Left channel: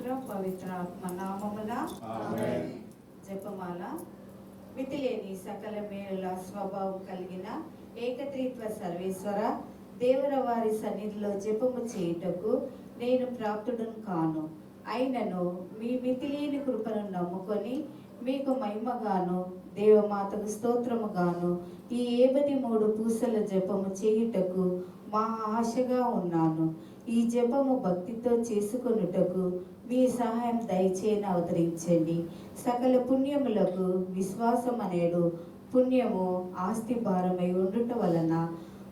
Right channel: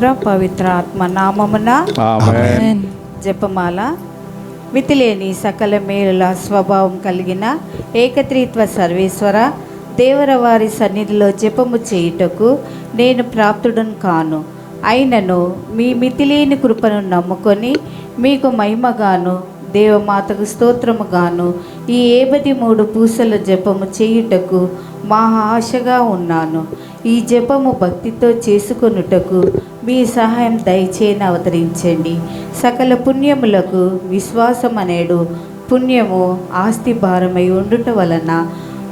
పుత్ర పవిత్ర ఆత్మ నామమున ఆమేన్. జపమాల. మితిలేని సకల మేలుల స్వభావం కలిగిన ఏకత్రిత్వ సర్వేశ్వర దేవర వారి సన్నిధిలో జపము చేయుటకు నేను ప్రాప్తుడను కాను. అయినను మీ మితిలేని కృపను నమ్ముకొని మీకు మహిమగాను దేవమాతకు స్తోత్రముగాను ఈ 73 పూసల జపము చేయుటకు మహా ఆశగా ఉన్నాను. ఈ జపము భక్తితో చేసుకొనుటకు మీ సహాయం దయచేయని అవతరించండి. సకల పుణ్యములకు విశ్వాసం అనేడు పుణ్యము ఆస్తి భారమై ఉండుట వలన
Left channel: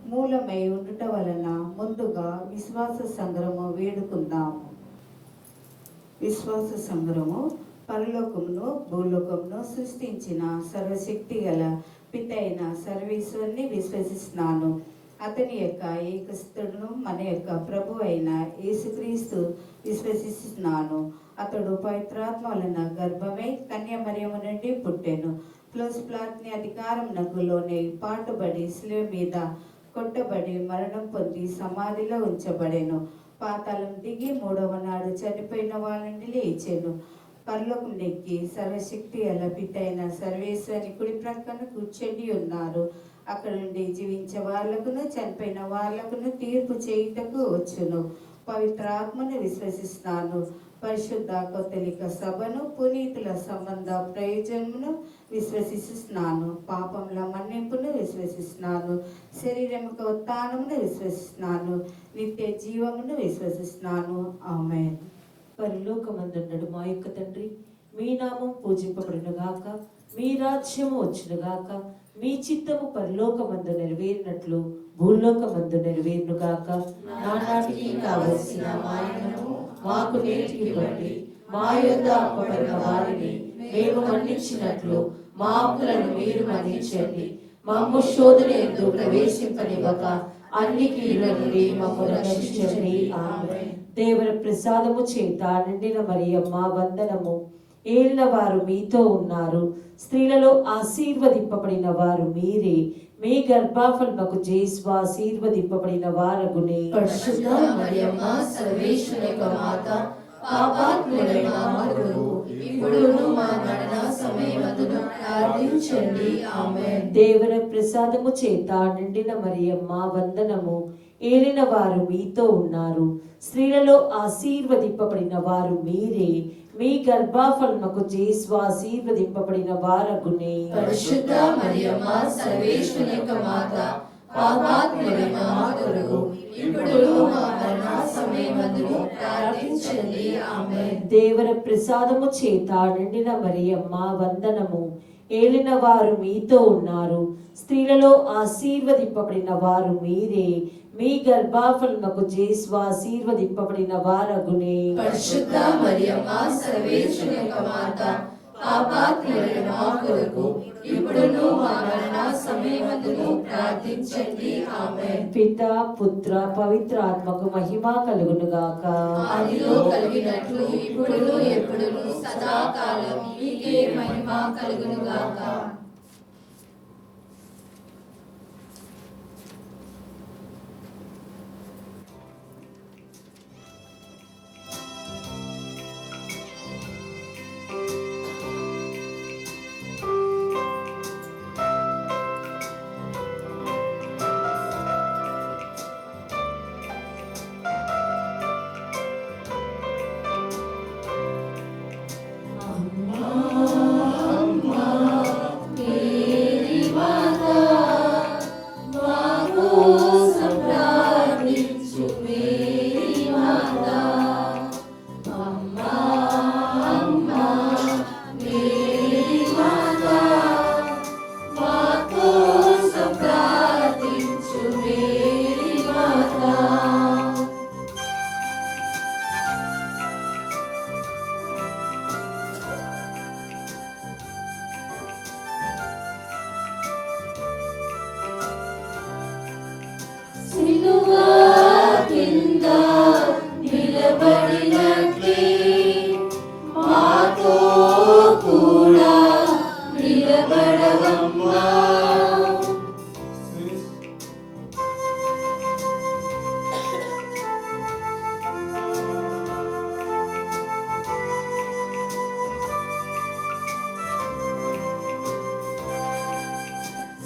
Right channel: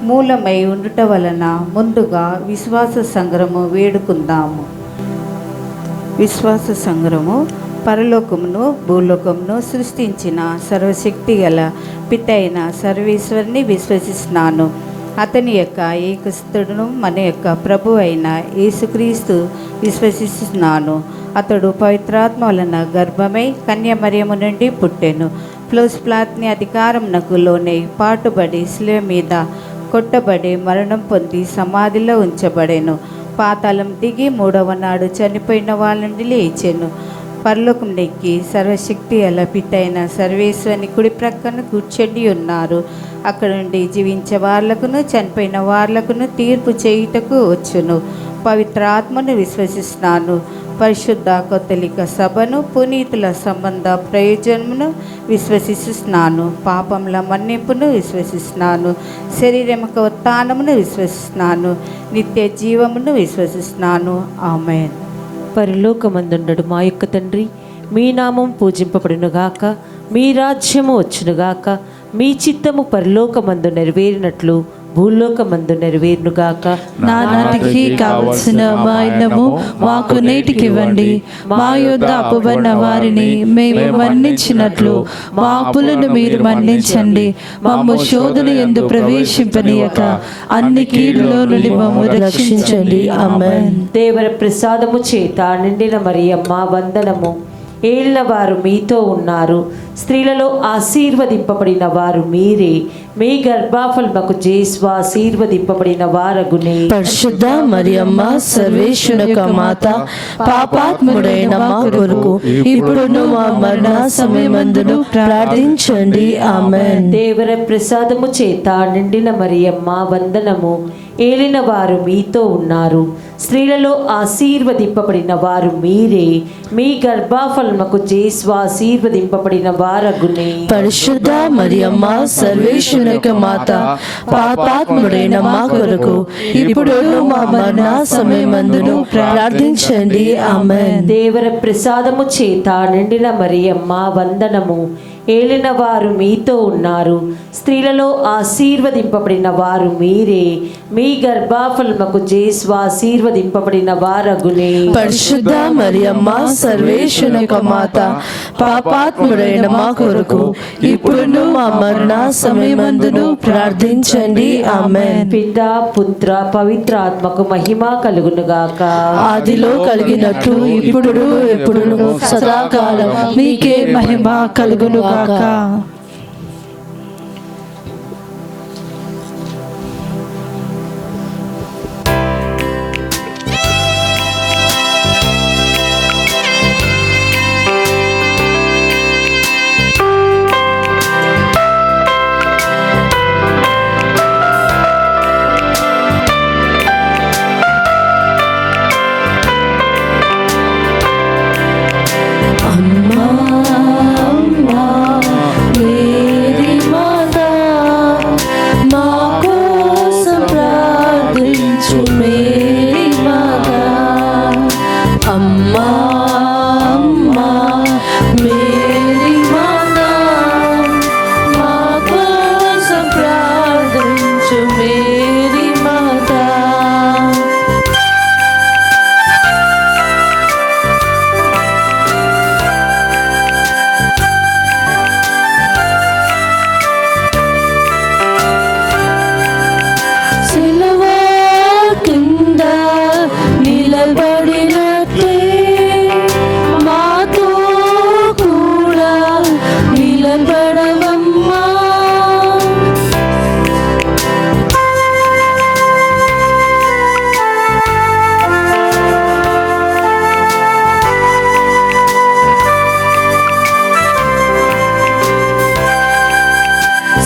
మూలమై ఉండుట వలన ముందుగా విశ్వాస సంగ్రహము వేడుకుందాము. విశ్వాస సంగ్రహము. పరలోకమును భూలోకమును సృష్టించిన సర్వశక్తి గల పిత అయిన సర్వేశ్వరుని విశ్వసిస్తున్నాను. అతని యొక్క ఏకస్తుడును మన యొక్క ప్రభు అయిన యేసుక్రీస్తు విశ్వసిస్తున్నాను. అతడు పవిత్రాత్మ వలన గర్భమై కన్యమరియము నుండి పుట్టెను. ప్లాత్ని అధికారమునకు లోనై పాటుబడి శిలువ మీద కొట్టబడి మరణం పొంది సమాధిలో ఉంచబడెను. పాతాళం దిగి 3వ నాడు చనిపోయిన వాళ్ళ నుండి లేచెను. పరలోకం నెక్కి సర్వశక్తి గల పిత అయిన సర్వేశ్వరుని కుడి ప్రక్కన కూర్చొని ఉన్నారు. అక్కడ నుండి జీవించే వాళ్ళకును చనిపోయిన వాళ్ళకును తీర్పు చేయుటకు వచ్చును. పవిత్ర ఆత్మను విశ్వసిస్తున్నాను. పరిశుద్ధ కథలిక సభను పునీతుల సంబంధ ప్రయోజనమును విశ్వసిస్తున్నాను. పాపముల మన్నింపును విశ్వసిస్తున్నాను. శరీరముక ఉత్థానమును విశ్వసిస్తున్నాను. నిత్య జీవమును విశ్వసిస్తున్నాను. ఆమేన్. పరలోకమందుండడు మా యొక్క తండ్రి, మీ నామం పూజింపబడునుగాక, మీ రాజ్యము వచ్చునుగాక, మీ చిత్తము పరలోకమందు నెరవేరినట్లు భూలోకమందు నెరవేరునుగాక. నానాటికి కావలసిన వాయినము మాకు నేటికివ్వండి. మా యొద్ద అప్పుబడిన వారిని మేము మన్నించినట్లు మా అప్పులను మీరు మన్నించండి. మమ్ము శోధన యందు ప్రవేశింపనీయక అన్ని కీడులో నుండి మమ్ము రక్షించండి. ఆమేన్. దేవర ప్రసాదము చేత నిండిన మరియమ్మ వందనము. ఏలిన వారు మీతో ఉన్నారు. స్త్రీలలో ఆశీర్వదింపబడిన వారు మీరే. మీ గర్భఫలముకు జేసు ఆశీర్వదింపబడిన వారగునే. పరిశుద్ధ మరియమ్మ సర్వేశ్వరుని యొక్క మాత, పాపాత్ముడైన మా కొరకు ఇప్పుడును మా మరణ సమయమందును ప్రార్థించండి. ఆమేన్. దేవర ప్రసాదము చేత నిండిన మరియమ్మ వందనము. ఏలిన వారు మీతో ఉన్నారు. స్త్రీలలో ఆశీర్వదింపబడిన వారు మీరే. మీ గర్భఫలముకు జేసు ఆశీర్వదింపబడిన వారగునే. పరిశుద్ధ మరియమ్మ సర్వేశ్వరుని యొక్క మాత, పాపాత్ముడైన మా కొరకు ఇప్పుడును మా మరణ సమయమందును ప్రార్థించండి. ఆమేన్. దేవర ప్రసాదము చేత నిండిన మరియమ్మ వందనము. ఏలిన వారు మీతో ఉన్నారు. స్త్రీలలో ఆశీర్వదింపబడిన వారు మీరే. మీ గర్భఫలముకు జేసు ఆశీర్వదింపబడిన వారగునే. పరిశుద్ధ మరియమ్మ సర్వేశ్వరుని యొక్క మాత, పాపాత్ముడైన మా కొరకు ఇప్పుడును మా మరణ సమయమందును ప్రార్థించండి. ఆమేన్. పితా పుత్ర పవిత్ర ఆత్మకు మహిమ కలుగునుగాక. ఆదిలో కలిగినట్లు ఇప్పుడు ఎప్పుడును సదాకాలం మీకే మహిమ కలుగునుగాక. అమ్మా అమ్మా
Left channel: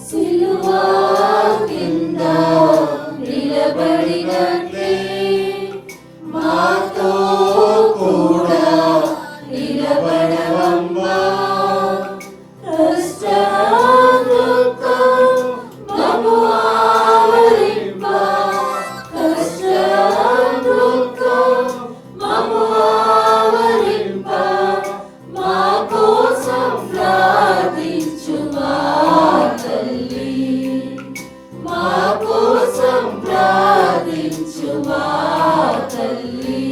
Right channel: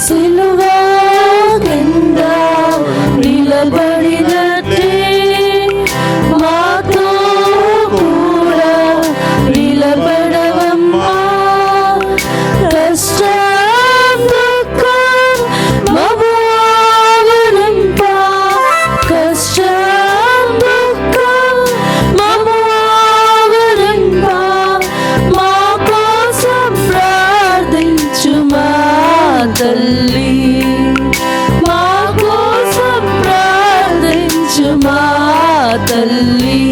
సిలువా కింద నిలబడినట్టే మాతో కూడా నిలబడవమ్మా. కష్టం దుఃఖం మము ఆవరింప, కష్టం దుఃఖం మము ఆవరింప, మా కోసం ప్రార్థించుమా తల్లి, మా కోసం ప్రార్థించుమా తల్లి.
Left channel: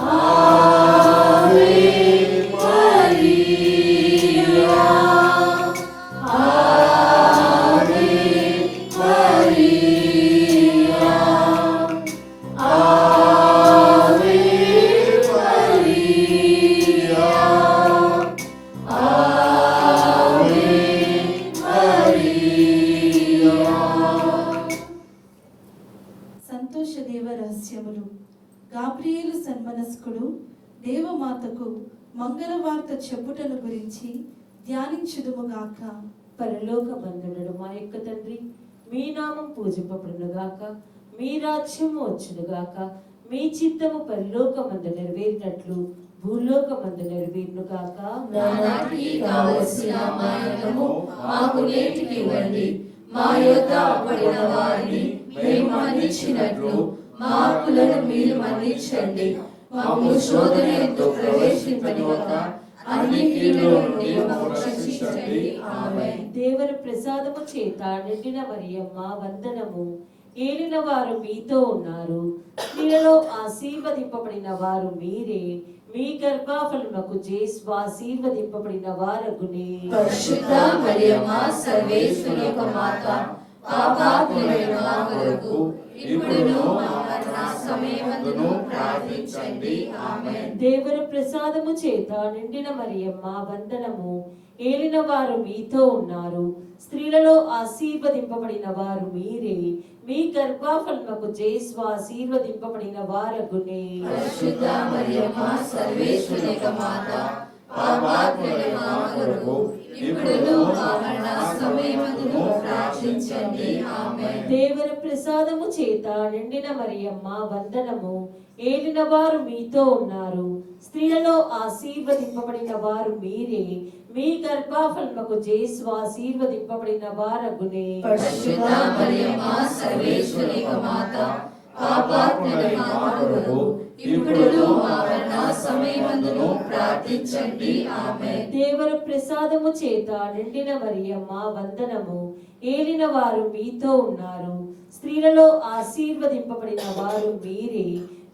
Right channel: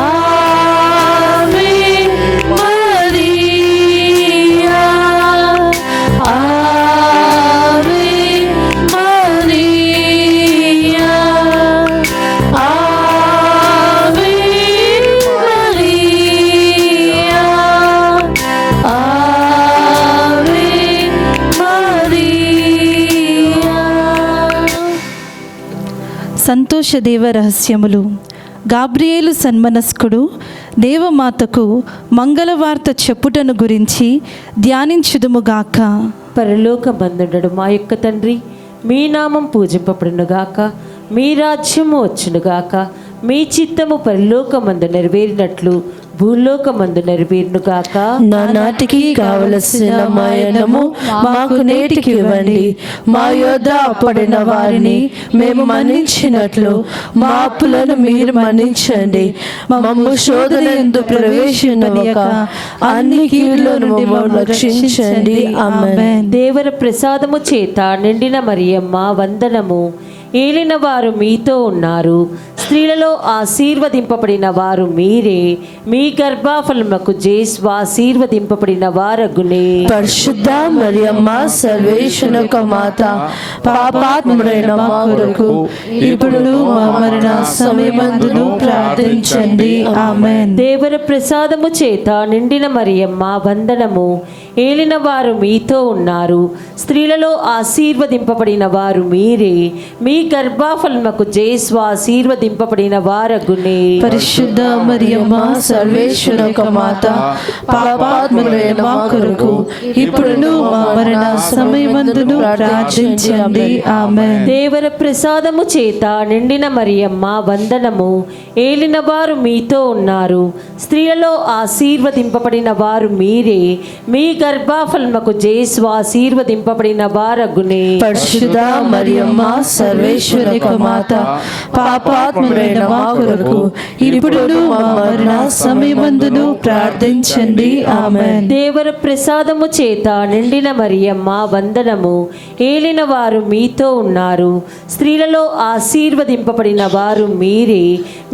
ఆవే మరియా, ఆవే మరియా, ఆవే మరియా, ఆవే మరియా. సంతోష దేవ రహస్యములు. గాబ్రియేలు సన్మనస్కుడు దేవమాతకు మంగళవార్త చెప్పుటను గురించి ధ్యానించుదుముగాక. పరలోక బంధుడడు మా యొక్క తండ్రి, మీ నామం పూజింపబడునుగాక, మీ రాజ్యము వచ్చునుగాక, మీ చిత్తము పరలోకమందు నెరవేరినట్లు భూలోకమందు నెరవేరునుగాక. నానాటికి కావలసిన మాయనము మాకు నేటికి ఇవ్వండి. మా యొద్ద అప్పడిన వారిని మేము మన్నించినట్లు మా అప్పులను మీరు మన్నించండి. మమ్ము శోధన యందు ప్రవేశింపనీయక అన్ని కీడుల నుండి మమ్మల్ని రక్షించండి. ఆమేన్. దేవర ప్రసాదము చేత నిండిన మరియమ్మ వందనము. ఏలిన వారు మీతో ఉన్నారు, స్త్రీలలో ఆశీర్వదింపబడిన వారు మీరే, మీ గర్భఫలముకు జేసు ఆశీర్వదింపబడిన వారగునే. పరిశుద్ధ మరియమ్మ సర్వేశ్వరుని మాత, పాపాత్ముడైన మా కొరకు ఇప్పుడు మా మరణ సమయమందును ప్రార్థించండి. ఆమేన్. దేవర ప్రసాదము చేత నిండిన మరియమ్మ వందనము. ఏలిన వారు మీతో ఉన్నారు, స్త్రీలలో ఆశీర్వదింపబడిన వారు మీరే, మీ గర్భఫలముకు జేసు ఆశీర్వదింపబడిన వారగునే. పరిశుద్ధ మరియమ్మ సర్వేశ్వరుని మాత, పాపాత్ముడైన మా కొరకు ఇప్పుడు మా మరణ సమయమందును ప్రార్థించండి. ఆమేన్. దేవర ప్రసాదము చేత నిండిన మరియమ్మ వందనము. ఏలిన వారు మీతో ఉన్నారు, స్త్రీలలో ఆశీర్వదింపబడిన వారు మీరే, మీ గర్భఫలముకు జేసు ఆశీర్వదింపబడిన వారగునే. పరిశుద్ధ మరియమ్మ సర్వేశ్వరుని మాత, పాపాత్ముడైన మా కొరకు ఇప్పుడు మా మరణ సమయమందును ప్రార్థించండి. ఆమేన్. దేవర ప్రసాదము చేత నిండిన మరియమ్మ వందనము. ఏలిన వారు మీతో ఉన్నారు, స్త్రీలలో ఆశీర్వదింపబడిన వారు మీరే,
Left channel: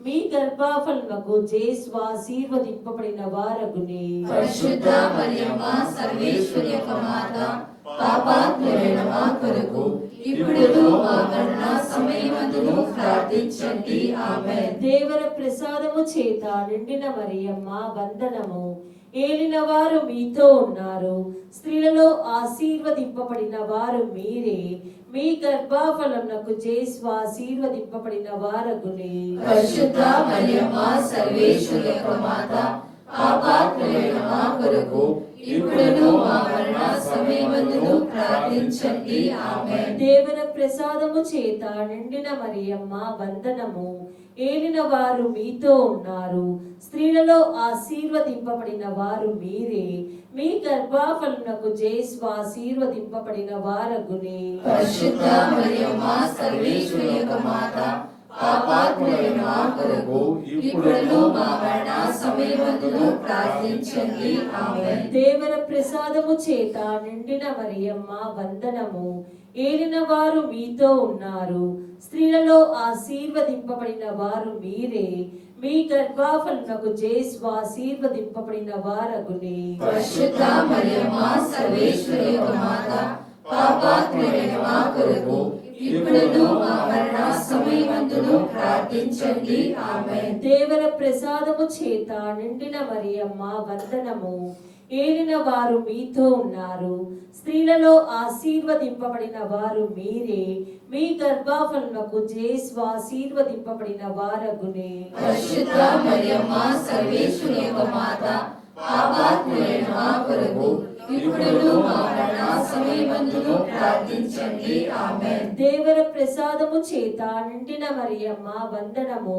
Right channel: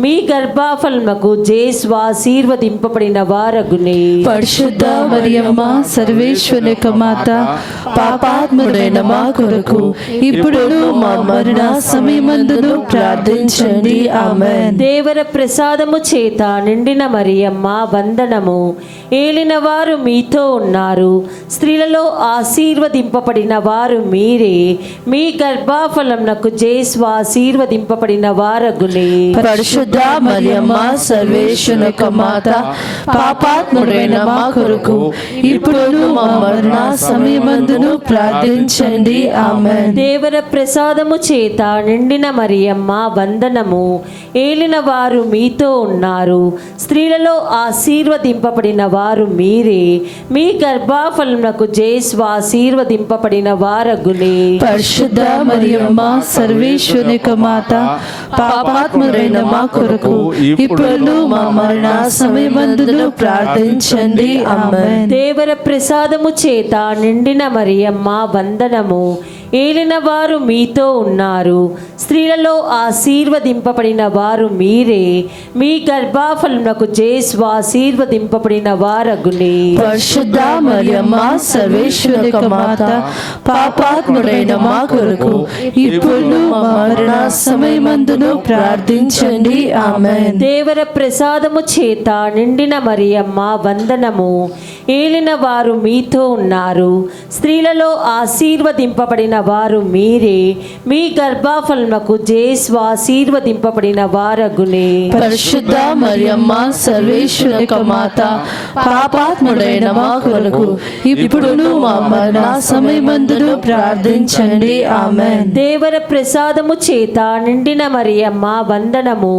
మీ గర్భఫలముకు జేసు ఆశీర్వదింపబడిన వారగునే. పరిశుద్ధ మరియమ్మ సర్వేశ్వరుని మాత, పాపాత్ముడైన మా కొరకు ఇప్పుడు మా మరణ సమయమందును ప్రార్థించండి. ఆమేన్. దేవర ప్రసాదము చేత నిండిన మరియమ్మ వందనము. ఏలిన వారు మీతో ఉన్నారు, స్త్రీలలో ఆశీర్వదింపబడిన వారు మీరే, మీ గర్భఫలమునకు జేసు ఆశీర్వదింపబడిన వారగునే. పరిశుద్ధ మరియమ్మ సర్వేశ్వరుని మాత, పాపాత్ముడైన మా కొరకు ఇప్పుడు మా మరణ సమయమందును ప్రార్థించండి. ఆమేన్. దేవర ప్రసాదము చేత నిండిన మరియమ్మ వందనము. ఏలిన వారు మీతో ఉన్నారు, స్త్రీలలో ఆశీర్వదింపబడిన వారు మీరే, మీ గర్భఫలమునకు జేసు ఆశీర్వదింపబడిన వారగునే. పరిశుద్ధ మరియమ్మ సర్వేశ్వరుని మాత, పాపాత్ముడైన మా కొరకు ఇప్పుడు మా మరణ సమయమందును ప్రార్థించండి. ఆమేన్. దేవర ప్రసాదము చేత నిండిన మరియమ్మ వందనము. ఏలిన వారు మీతో ఉన్నారు, స్త్రీలలో ఆశీర్వదింపబడిన వారు మీరే, మీ గర్భఫలమునకు జేసు ఆశీర్వదింపబడిన వారగునే. పరిశుద్ధ మరియమ్మ సర్వేశ్వరుని మాత, పాపాత్ముడైన మా కొరకు ఇప్పుడు మా మరణ సమయమందును ప్రార్థించండి. ఆమేన్. దేవర ప్రసాదము చేత నిండిన మరియమ్మ వందనము. ఏలిన వారు మీతో ఉన్నారు. స్త్రీలలో ఆశీర్వదింపబడిన వారు మీరే. మీ గర్భఫలముకు జేసు ఆశీర్వదింపబడిన వారగునే. పరిశుద్ధ మరియమ్మ సర్వేశ్వరుని యొక్క మాత, పాపాత్ముడైన మా కొరకు ఇప్పుడును మా మరణ సమయమందును ప్రార్థించండి. ఆమేన్. దేవర ప్రసాదము చేత నిండిన మరియమ్మ వందనము.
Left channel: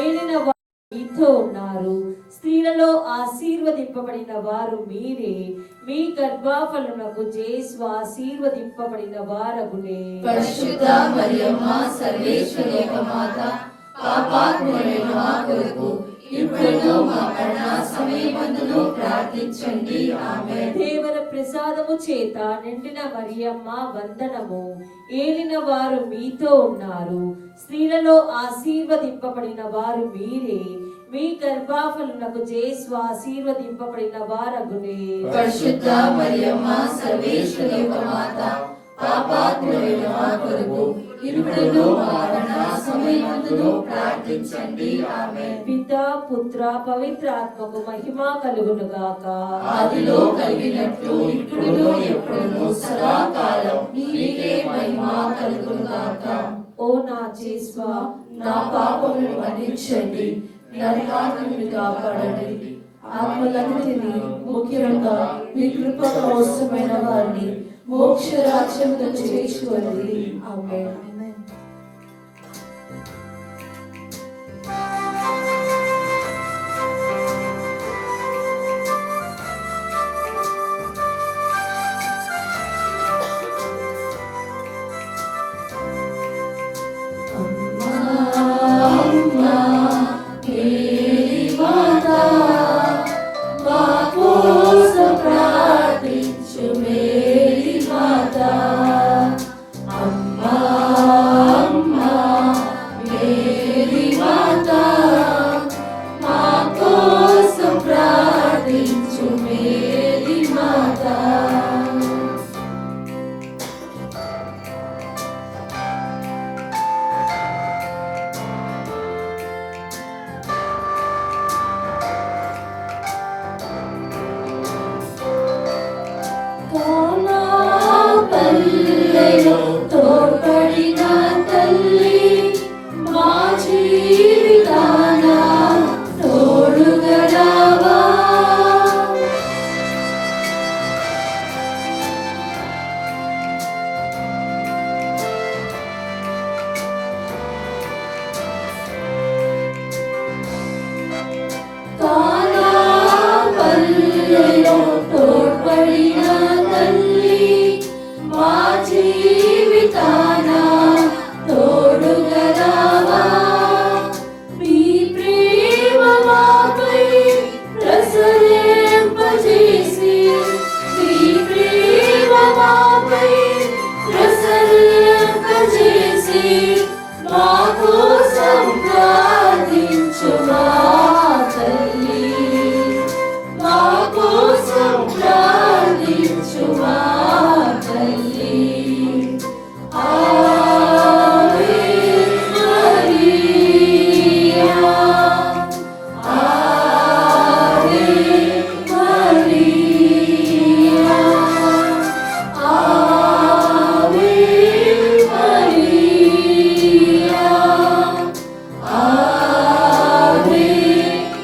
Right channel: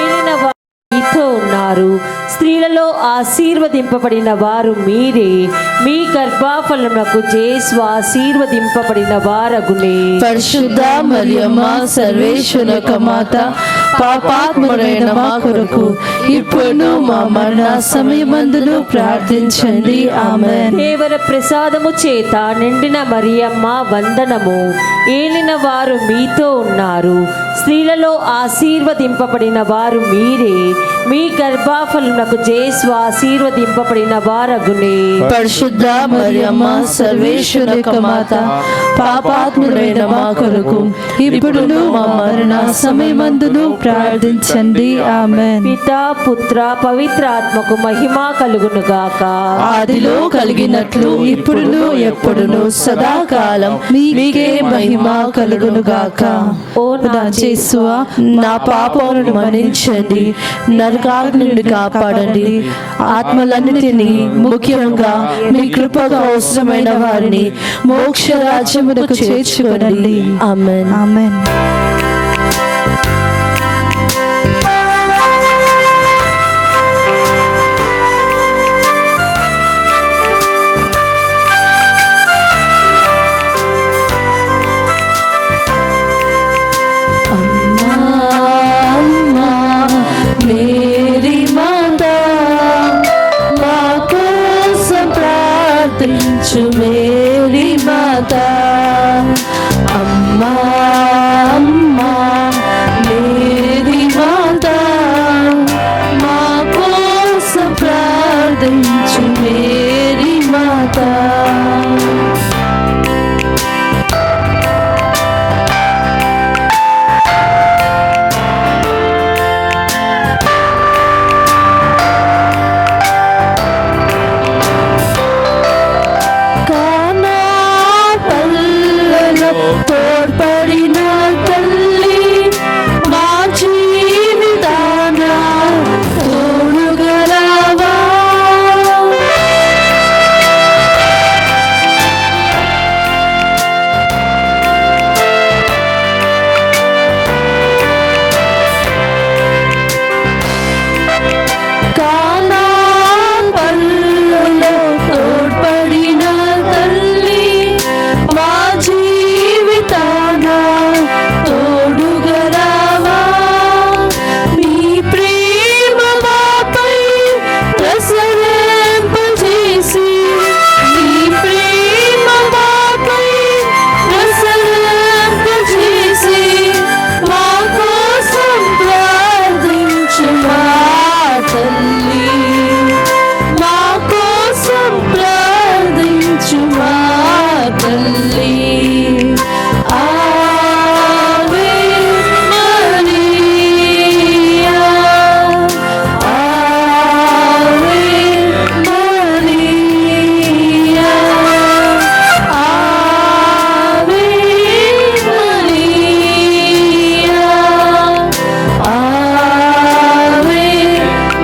ఏలిన వారు మీతో ఉన్నారు. స్త్రీలలో ఆశీర్వదింపబడిన వారు మీరే. మీ గర్భఫలముకు జేసు ఆశీర్వదింపబడిన వారగునే. పరిశుద్ధ మరియమ్మ సర్వేశ్వరుని యొక్క మాత, పాపాత్ముడైన మా కొరకు ఇప్పుడును మా మరణ సమయమందును ప్రార్థించండి. ఆమేన్. దేవర ప్రసాదము చేత నిండిన మరియమ్మ వందనము. ఏలిన వారు మీతో ఉన్నారు. స్త్రీలలో ఆశీర్వదింపబడిన వారు మీరే. మీ గర్భఫలమునకు జేసు ఆశీర్వదింపబడిన వారగునే. పరిశుద్ధ మరియమ్మ సర్వేశ్వరుని యొక్క మాత, పాపాత్ముడైన మా కొరకు ఇప్పుడును మా మరణ సమయమందును ప్రార్థించండి. ఆమేన్. పితా పుత్ర పవిత్ర ఆత్మకు మహిమ కలుగును గాక. ఆదిలో కలిగినట్లు ఇప్పుడును ఎప్పుడును సదాకాలం మీకే మహిమ కలుగును గాక. ఓ నా యేసువా, నా పాపములను మన్నించండి, నరకాగ్ని నుండి కాపాడండి, ఆత్మలన్నిటినీ ముఖ్యంగా మీ కృపకు అవసరమైన వారిని మోక్ష రాజ్యమునకు చేర్చుకోనండి. ఆమేన్. ఆమేన్. మేరీ మాతా, మా కోసం ప్రార్థించు. మేరీ మాతా, అమ్మా అమ్మా, మేరీ మాతా, మా కోసం ప్రార్థించు. మేరీ మాతా. కానా పల్లెలో తోడ్పడిన తల్లి, మా జీవితాన తోడుగా రావా. కానా పల్లెలో తోడ్పడిన తల్లి, మా జీవితాన తోడుగా రావా. నీ ప్రేమ మాపై ప్రసరింపజేసి, నీ ప్రేమ మాపై ప్రసరింపజేసి, మా కోసం ప్రార్థించు మా తల్లి, మా కోసం ప్రార్థించు మా తల్లి. ఆవే మరియా, ఆవే మరియా, ఆవే మరియా, ఆవే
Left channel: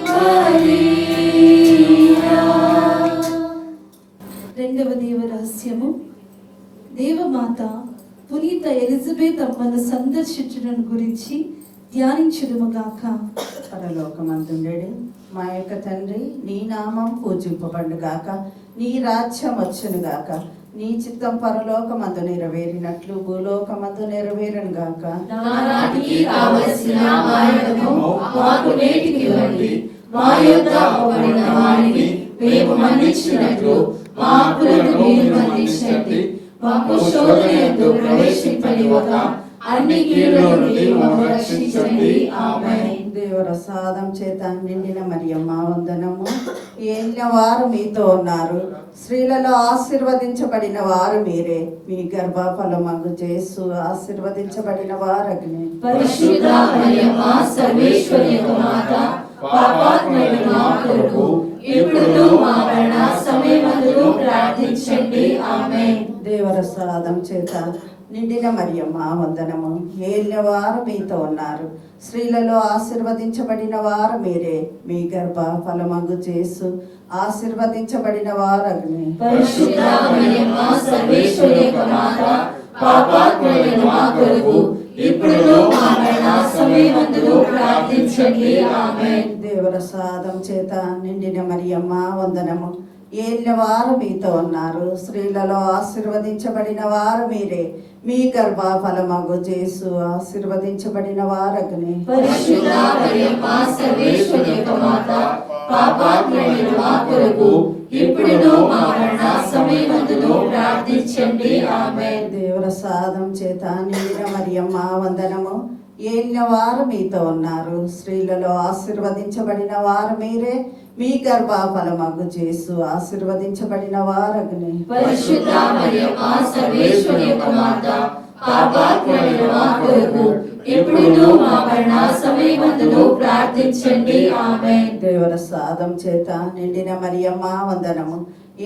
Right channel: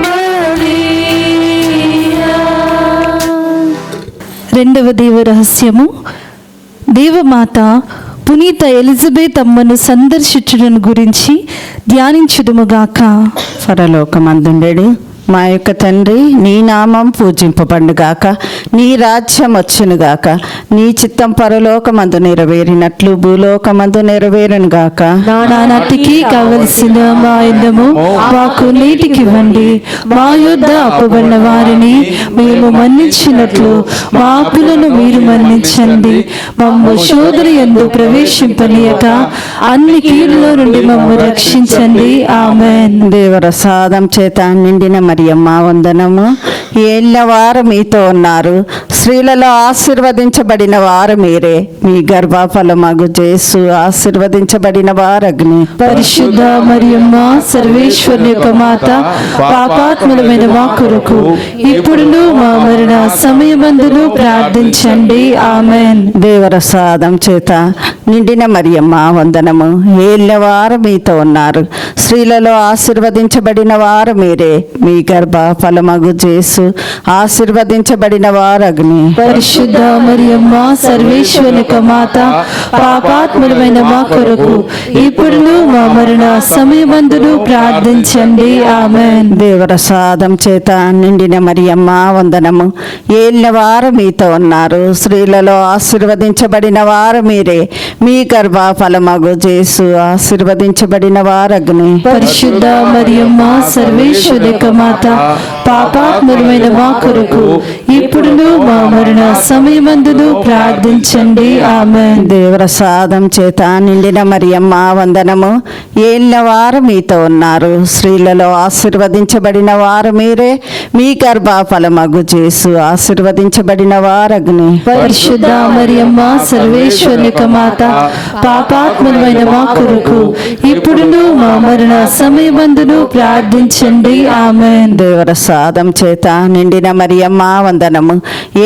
మరియా. రెండవ దేవ రహస్యము. దేవమాత పునీత ఎలిజబెత్ అమ్మను సందర్శించడం గురించి ధ్యానించుదుముగాక. పరలోకమందుండెడు మా యొక్క తండ్రి, నీ నామం పూజింపబడుగాక, నీ రాజ్యం వచ్చునుగాక, నీ చిత్తం పరలోకమందు నెరవేరినట్లు భూలోకమందు నెరవేరునుగాక. నానాటికి కావలసిన మా యుద్ధము మాకు నేటికి ఇవ్వండి. మా యుద్ధ అప్పబడిన వారిని మేము మన్నించినట్లు మా అప్పులను మీరు మన్నించండి. మమ్ము శోధన యందు ప్రవేశింపనీయక అన్ని కీడుల నుండి మమ్ము రక్షించండి. ఆమేన్. దేవరసాదం చేత నిండిన మరియమ్మ వందనము. ఏళ్ళ వారు మీతో ఉన్నారు, స్త్రీలలో ఆశీర్వదించబడిన వారు మీరే, మీ గర్భఫలమగు యేసు ఆశీర్వదించబడిన వారగ్ని. పరిశుద్ధ మరియమ్మ సర్వేశ్వరుని యొక్క మాత, పాపాత్ములమైన మా కొరకు ఇప్పుడును మా మరణ సమయమందును ప్రార్థించండి. ఆమెన్. దేవరసాదం చేత నిండిన మరియమ్మ వందనము. ఏళ్ళ వారు మీతో ఉన్నారు, స్త్రీలలో ఆశీర్వదించబడిన వారు మీరే, మీ గర్భ ఫలమగు యేసు ఆశీర్వదించబడిన వారగ్ని. పరిశుద్ధ మరియమ్మ సర్వేశ్వరుని యొక్క మాత, పాపాత్ములమైన మా కొరకు ఇప్పుడును మా మరణ సమయమందును ప్రార్థించండి. ఆమెన్. దేవరసాదం చేత నిండిన మరియమ్మ వందనము. ఏళ్ళ వారు మీతో ఉన్నారు, స్త్రీలలో ఆశీర్వదించబడిన వారు మీరే, మీ గర్భ ఫలమగు యేసు ఆశీర్వదించబడిన వారగ్ని. పరిశుద్ధ మరియమ్మ సర్వేశ్వరుని యొక్క మాత, పాపాత్ములమైన మా కొరకు ఇప్పుడును మా మరణ సమయమందును ప్రార్థించండి. ఆమెన్. దేవరసాదం చేత నిండిన మరియమ్మ వందనము. ఏళ్ళ వారు మీతో ఉన్నారు, స్త్రీలలో ఆశీర్వదించబడిన వారు మీరే, మీ గర్భ ఫలమగు యేసు ఆశీర్వదించబడిన వారగ్ని. పరిశుద్ధ మరియమ్మ సర్వేశ్వరుని యొక్క మాత, పాపాత్ములమైన మా కొరకు ఇప్పుడును మా మరణ సమయమందును ప్రార్థించండి. ఆమెన్. దేవరసాదం చేత నిండిన మరియమ్మ వందనము.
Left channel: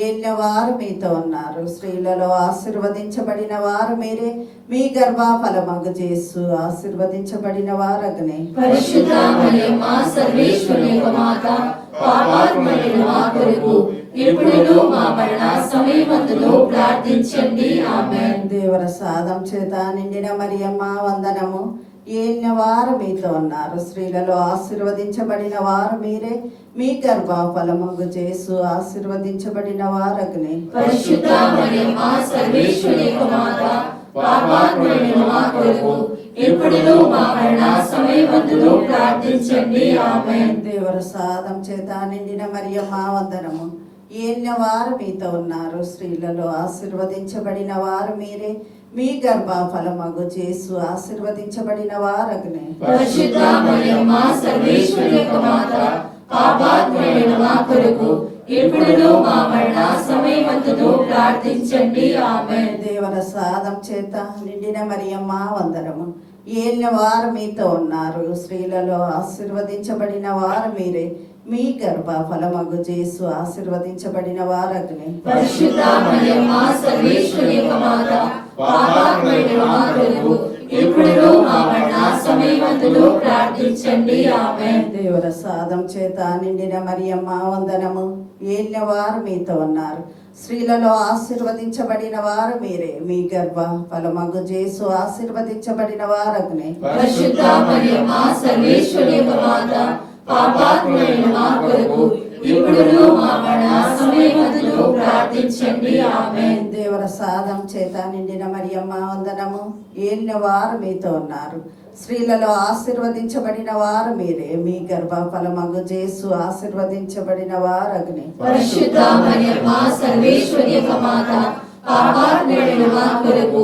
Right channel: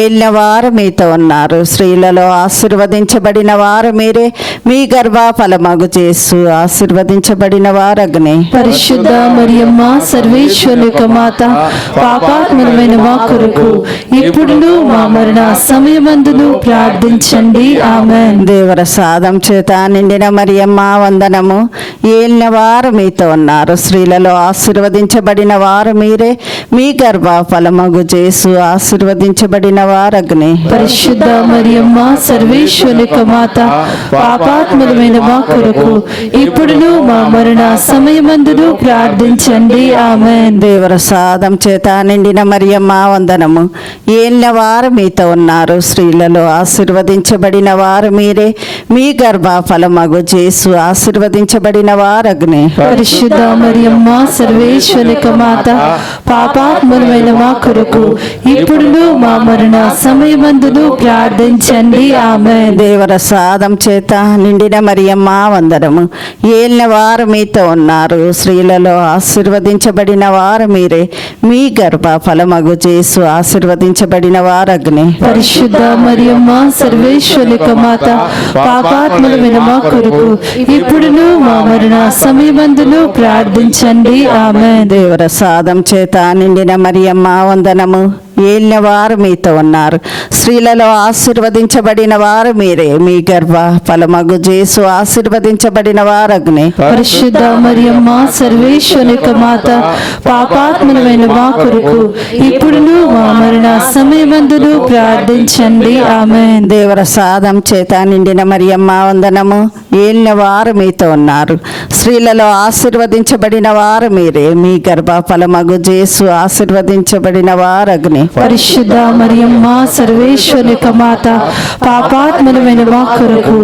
ఏళ్ళ వారు మీతో ఉన్నారు, స్త్రీలలో ఆశీర్వదించబడిన వారు మీరే, మీ గర్భ ఫలమగు యేసు ఆశీర్వదించబడిన వారగ్ని. పరిశుద్ధ మరియమ్మ సర్వేశ్వరుని యొక్క మాత, పాపాత్ములమైన మా కొరకు ఇప్పుడును మా మరణ సమయమందును ప్రార్థించండి. ఆమెన్. దేవరసాదం చేత నిండిన మరియమ్మ వందనము. ఏళ్ళ వారు మీతో ఉన్నారు, స్త్రీలలో ఆశీర్వదించబడిన వారు మీరే, మీ గర్భ ఫలమగు యేసు ఆశీర్వదించబడిన వారగ్ని. పరిశుద్ధ మరియమ్మ సర్వేశ్వరుని యొక్క మాత, పాపాత్ములమైన మా కొరకు ఇప్పుడును మా మరణ సమయమందును ప్రార్థించండి. ఆమెన్. దేవరసాదం చేత నిండిన మరియమ్మ వందనము. ఏళ్ళ వారు మీతో ఉన్నారు, స్త్రీలలో ఆశీర్వదించబడిన వారు మీరే, మీ గర్భ ఫలమగు యేసు ఆశీర్వదించబడిన వారగ్ని. పరిశుద్ధ మరియమ్మ సర్వేశ్వరుని యొక్క మాత, పాపాత్ములమైన మా కొరకు ఇప్పుడును మా మరణ సమయమందును ప్రార్థించండి. ఆమెన్. దేవరసాదం చేత నిండిన మరియమ్మ వందనము. ఏళ్ళ వారు మీతో ఉన్నారు, స్త్రీలలో ఆశీర్వదించబడిన వారు మీరే, మీ గర్భ ఫలమగు యేసు ఆశీర్వదించబడిన వారగ్ని. పరిశుద్ధ మరియమ్మ సర్వేశ్వరుని యొక్క మాత, పాపాత్ములమైన మా కొరకు ఇప్పుడును మా మరణ సమయమందును ప్రార్థించండి. ఆమెన్. దేవరసాదం చేత నిండిన మరియమ్మ వందనము. ఏళ్ళ వారు మీతో ఉన్నారు, స్త్రీలలో ఆశీర్వదించబడిన వారు మీరే, మీ గర్భ ఫలమగు యేసు ఆశీర్వదించబడిన వారగ్ని. పరిశుద్ధ మరియమ్మ సర్వేశ్వరుని యొక్క మాత, పాపాత్ములమైన మా కొరకు ఇప్పుడును మా మరణ సమయమందును ప్రార్థించండి. ఆమెన్. దేవరసాదం చేత నిండిన మరియమ్మ వందనము. ఏళ్ళ వారు మీతో ఉన్నారు, స్త్రీలలో ఆశీర్వదించబడిన వారు మీరే, మీ గర్భ ఫలమగు యేసు ఆశీర్వదించబడిన వారగ్ని. పరిశుద్ధ మరియమ్మ సర్వేశ్వరుని యొక్క మాత, పాపాత్ములమైన మా కొరకు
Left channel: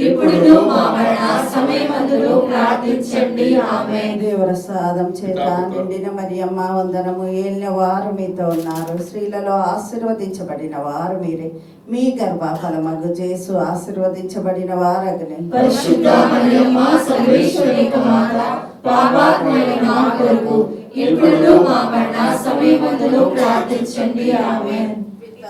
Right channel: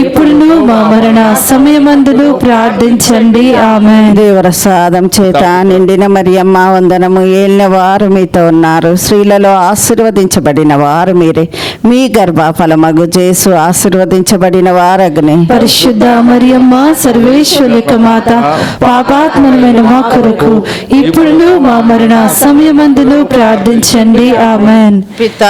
ఇప్పుడును మా మరణ సమయమందును ప్రార్థించండి. ఆమెన్. దేవరసాదం చేత నిండిన మరియమ్మ వందనము. ఏళ్ళ వారు మీతో ఉన్నారు, స్త్రీలలో ఆశీర్వదించబడిన వారు మీరే, మీ గర్భ ఫలమగు యేసు ఆశీర్వదించబడిన వారగ్ని. పరిశుద్ధ మరియమ్మ సర్వేశ్వరుని యొక్క మాత, పాపాత్ములమైన మా కొరకు ఇప్పుడును మా మరణ సమయమందును ప్రార్థించండి. ఆమెన్. పిత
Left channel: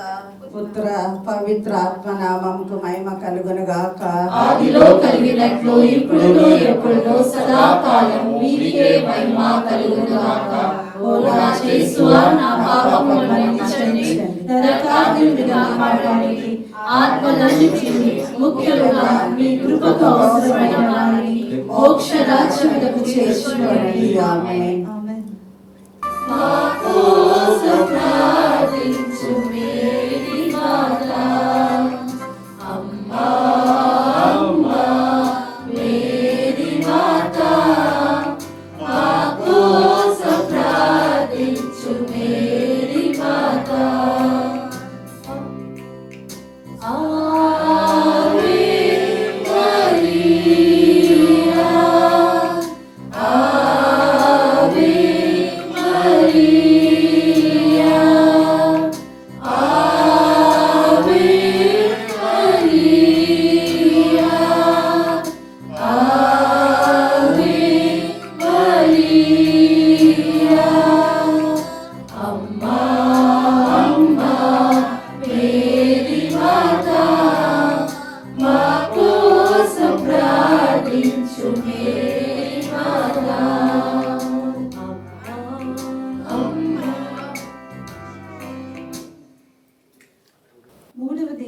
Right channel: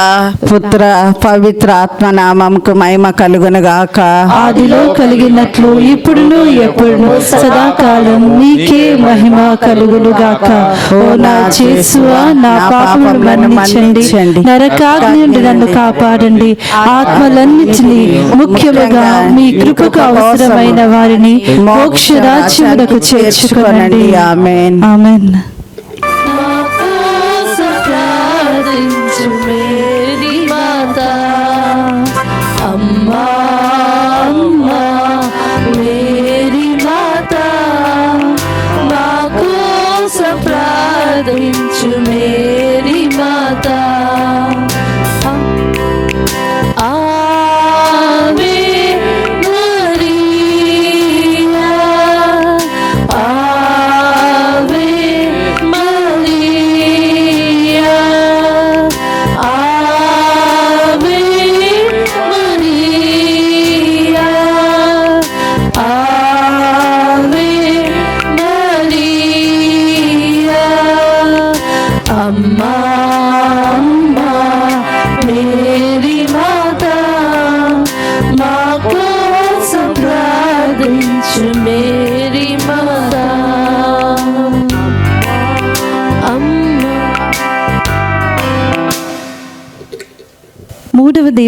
పుత్ర పవిత్ర ఆత్మ నామముకు మహిమ కలుగునుగాక. ఆదిలో కలిగినట్లు ఇప్పుడును ఎప్పుడును సదాకాలం మీకే మహిమ కలుగునుగాక. ఓ నా యేసువా, నా పాపములను మన్నించండి, నరకాగ్ని నుండి నన్ను కాపాడండి, ఆత్మలన్నిటినీ ముఖ్యముగా మీ కృపకు అవసరమైన వారిని మోక్ష రాజ్యమునకు చేర్చుకొనండి. ఆమేన్. ఆమెన్. Ave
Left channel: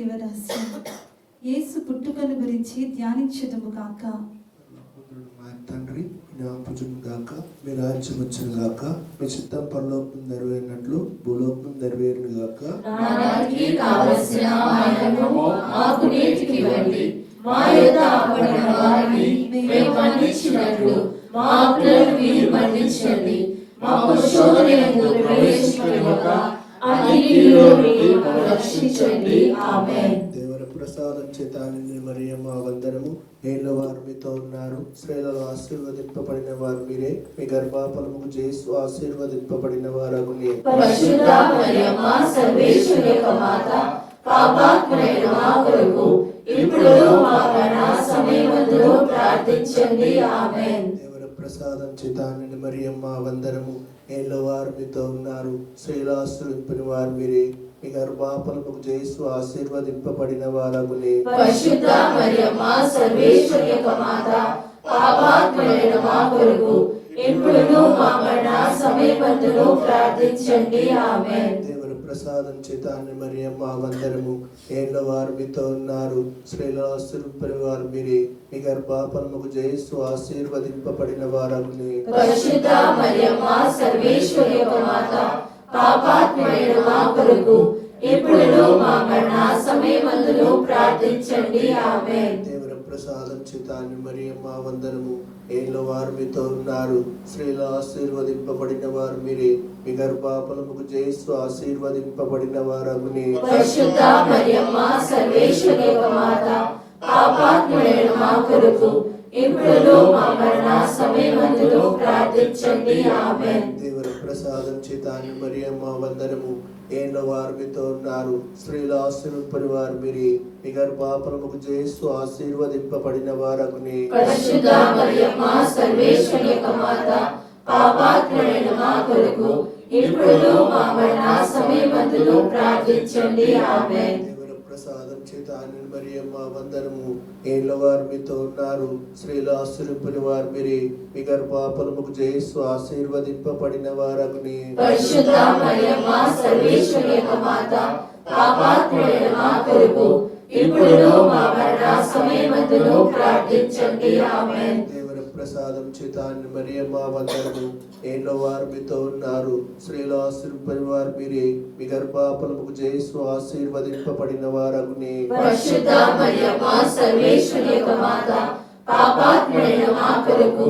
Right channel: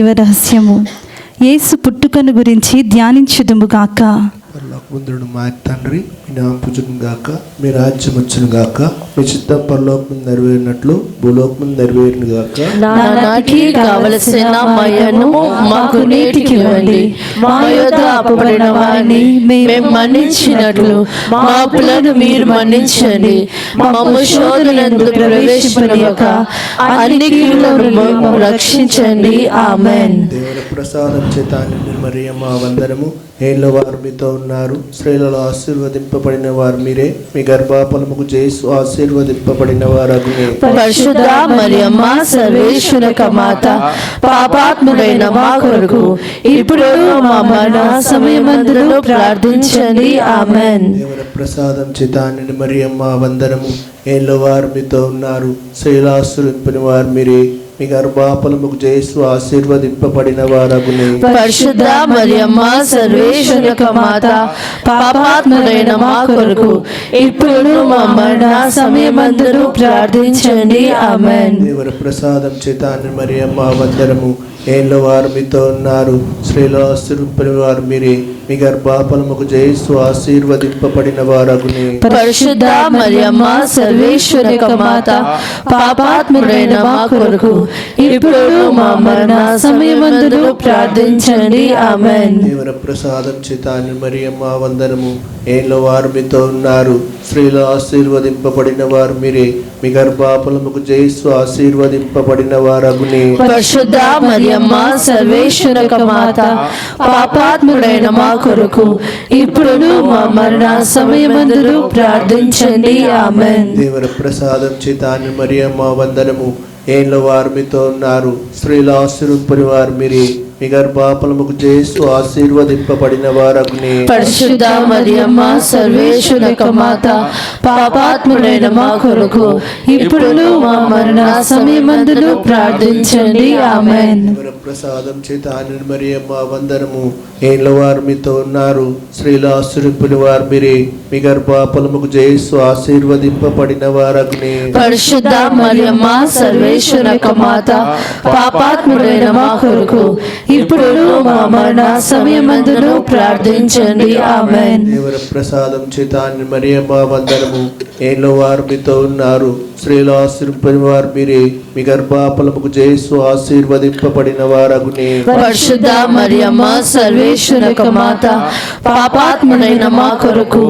దైవ రహస్యము. యేసు పుట్టుకను గురించి ధ్యానించుదుము గాక. పరలోకమందున్న మా తండ్రి, మీ నామం పూజను గాక, మీ రాజ్యం వచ్చును గాక, మీ చిత్తం పరలోకం నెరవేరినట్లు భూలోకం నెరవేరును గాక. నానాటికి కావలసిన మయను మాకు నేటికి ఇవ్వండి. మా యొద్ద అప్పబడిన వారిని మేము మన్నించినట్లు మా అప్పులను మీరు మన్నించండి. మమ్ము శోధనయందు ప్రవేశింపనియక అన్ని కీడులను మమ్ము రక్షించండి. ఆమేన్. దేవుని ప్రసాదం చేత నిన్ను మరియమ్మ వందనము. ఏళ్ళ వారు మీతో ఉన్నారు, స్త్రీలలో ఆశీర్వదింపబడిన వారు మీరే, మీ గర్భఫలముకు యేసు ఆశీర్వదింపబడిన వారగునే. పరిశుద్ధ మరియమ్మ సర్వేశ్వర మాత, పాపాత్ముడైన మా కొరకు ఇప్పుడు మా మరణ సమయమందులో ప్రార్థించండి. ఆమేన్. దేవుని ప్రసాదం చేత నిన్ను మరియమ్మ వందనము. ఏళ్ళ వారు మీతో ఉన్నారు, స్త్రీలలో ఆశీర్వదింపని వారు మీరే, మీ గర్భఫలముకు యేసు ఆశీర్వదింపబడిన వారగునే. పరిశుద్ధ మరియమ్మ సర్వేశ్వర మాత, పాపాత్ముడైన మా కొరకు ఇప్పుడు మా మరణ సమయమందులో ప్రార్థించండి. ఆమేన్. దేవుని ప్రసాదం చేత నిన్ను మరియమ్మ వందనము. ఏళ్ళ వారు మీతో ఉన్నారు, స్త్రీలలో ఆశీర్వదింపని వారు మీరే, మీ గర్భఫలముకు యేసు ఆశీర్వదింపబడిన వారగునే. పరిశుద్ధ మరియమ్మ సర్వేశ్వర మాత, పాపాత్ముడైన మా కొరకు ఇప్పుడు మా మరణ సమయమందులో ప్రార్థించండి. ఆమేన్. దేవుని ప్రసాదం చేత నిన్ను మరియమ్మ వందనము. ఏళ్ళ వారు మీతో ఉన్నారు, స్త్రీలలో ఆశీర్వదింపబడిన వారు మీరే, మీ గర్భఫలముకు యేసు ఆశీర్వదింపబడిన వారగునే. పరిశుద్ధ మరియమ్మ సర్వేశ్వర మాత, పాపాత్ముడైన మా కొరకు ఇప్పుడు మా మరణ సమయమందులో ప్రార్థించండి. ఆమేన్. దేవుని ప్రసాదం చేత నిన్ను మరియమ్మ వందనము. ఏళ్ళ వారు మీతో ఉన్నారు, స్త్రీలు ఆశీర్వదింపని వారు మీరే, మీ గర్భఫలముకు యేసు ఆశీర్వదింపబడిన వారగునే. పరిశుద్ధ మరియమ్మ సర్వేశ్వర మాత, పాపాత్ముడైన మా కొరకు ఇప్పుడు మా మరణ సమయమందులో ప్రార్థించండి. ఆమేన్. దేవుని ప్రసాదం చేత నిన్ను మరియమ్మ వందనము. ఏళ్ళ వారు మీతో ఉన్నారు, స్త్రీలు ఆశీర్వదింపని వారు మీరే, మీ గర్భఫలముకు యేసు ఆశీర్వదింపబడిన వారగునే. పరిశుద్ధ మరియమ్మ సర్వేశ్వర మాత, పాపాత్ముడైన మా కొరకు ఇప్పుడు మా మరణ సమయమందులో ప్రార్థించండి. ఆమేన్. దేవుని ప్రసాదం చేత నిన్ను మరియమ్మ వందనము. ఏళ్ళ వారు మీతో ఉన్నారు, స్త్రీలు ఆశీర్వదింపని వారు మీరే, మీ గర్భఫలముకు యేసు ఆశీర్వదింపబడిన వారగునే. పరిశుద్ధ మరియమ్మ సర్వేశ్వర మాత, పాపాత్ముడైన మా కొరకు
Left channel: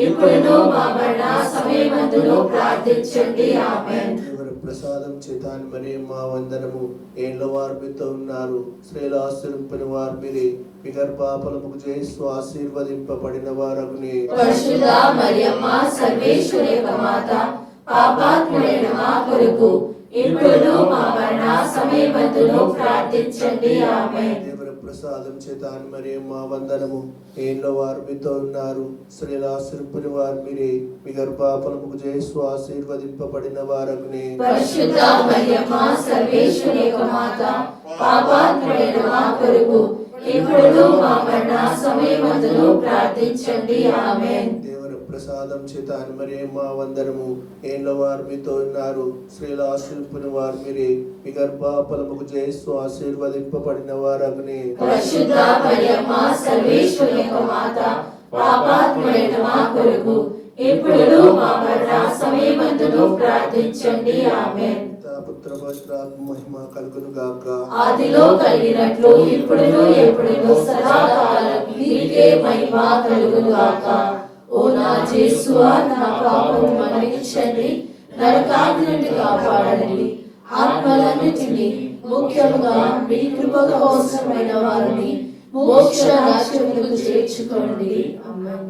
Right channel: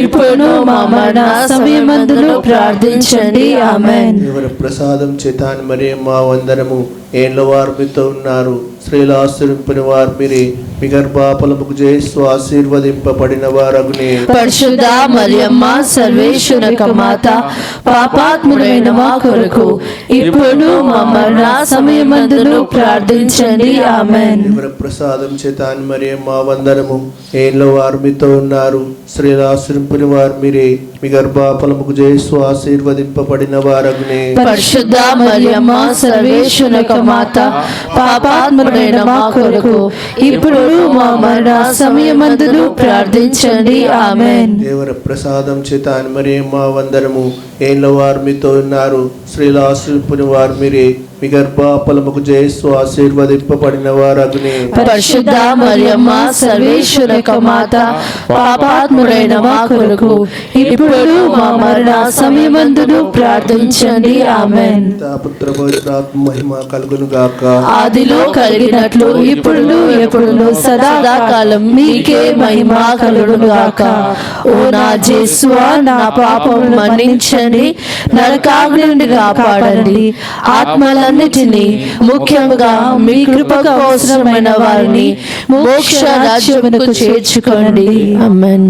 ఇప్పుడు మా మరణ సమయమందులో ప్రార్థించండి. ఆమేన్. దేవుని ప్రసాదం చేత నిన్ను మరియమ్మ వందనము. ఏళ్ళ వారు మీతో ఉన్నారు, స్త్రీలు ఆశీర్వదింపని వారు మీరే, మీ గర్భఫలముకు యేసు ఆశీర్వదింపబడిన వారగునే. పరిశుద్ధ మరియమ్మ సర్వేశ్వర మాత, పాపాత్ముడైన మా కొరకు ఇప్పుడు మా మరణ సమయమందులో ప్రార్థించండి. ఆమేన్. దేవుని ప్రసాదం చేత నిన్ను మరియమ్మ వందనము. ఏళ్ళ వారు మీతో ఉన్నారు, స్త్రీలు ఆశీర్వదింపని వారు మీరే, మీ గర్భఫలముకు యేసు ఆశీర్వదింపబడిన వారగునే. పరిశుద్ధ మరియమ్మ సర్వేశ్వర మాత, పాపాత్ముడైన మా కొరకు ఇప్పుడు మా మరణ సమయమందులో ప్రార్థించండి. ఆమేన్. దేవుని ప్రసాదం చేత నిన్ను మరియమ్మ వందనము. ఏళ్ళ వారు మీతో ఉన్నారు, స్త్రీలు ఆశీర్వదింపని వారు మీరే, మీ గర్భఫలముకు యేసు ఆశీర్వదింపబడిన వారగునే. పరిశుద్ధ మరియమ్మ సర్వేశ్వర మాత, పాపాత్ముడైన మా కొరకు ఇప్పుడు మా మరణ సమయమందులో ప్రార్థించండి. ఆమేన్. పుత్ర పవిత్రాత్మ మహిమ కలుగును గాక. ఆదిలో కలిగినట్లు ఇప్పుడు ఎప్పుడు సదాకాలం మీకే మహిమ కలుగును గాక. ఓ నా యేసువా, నా పాపం మన్నించండి, నరకాగ్ని నుండి కాపాడండి, ఆత్మలన్నిటినీ ముఖ్యంగా మీ కృపకు అవసరమైన వారిని మోక్ష రాజ్యమునకు చేర్చుకోండి. ఆమేన్.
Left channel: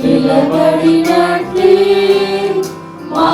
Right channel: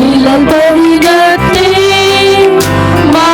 నిలబడినట్టే మా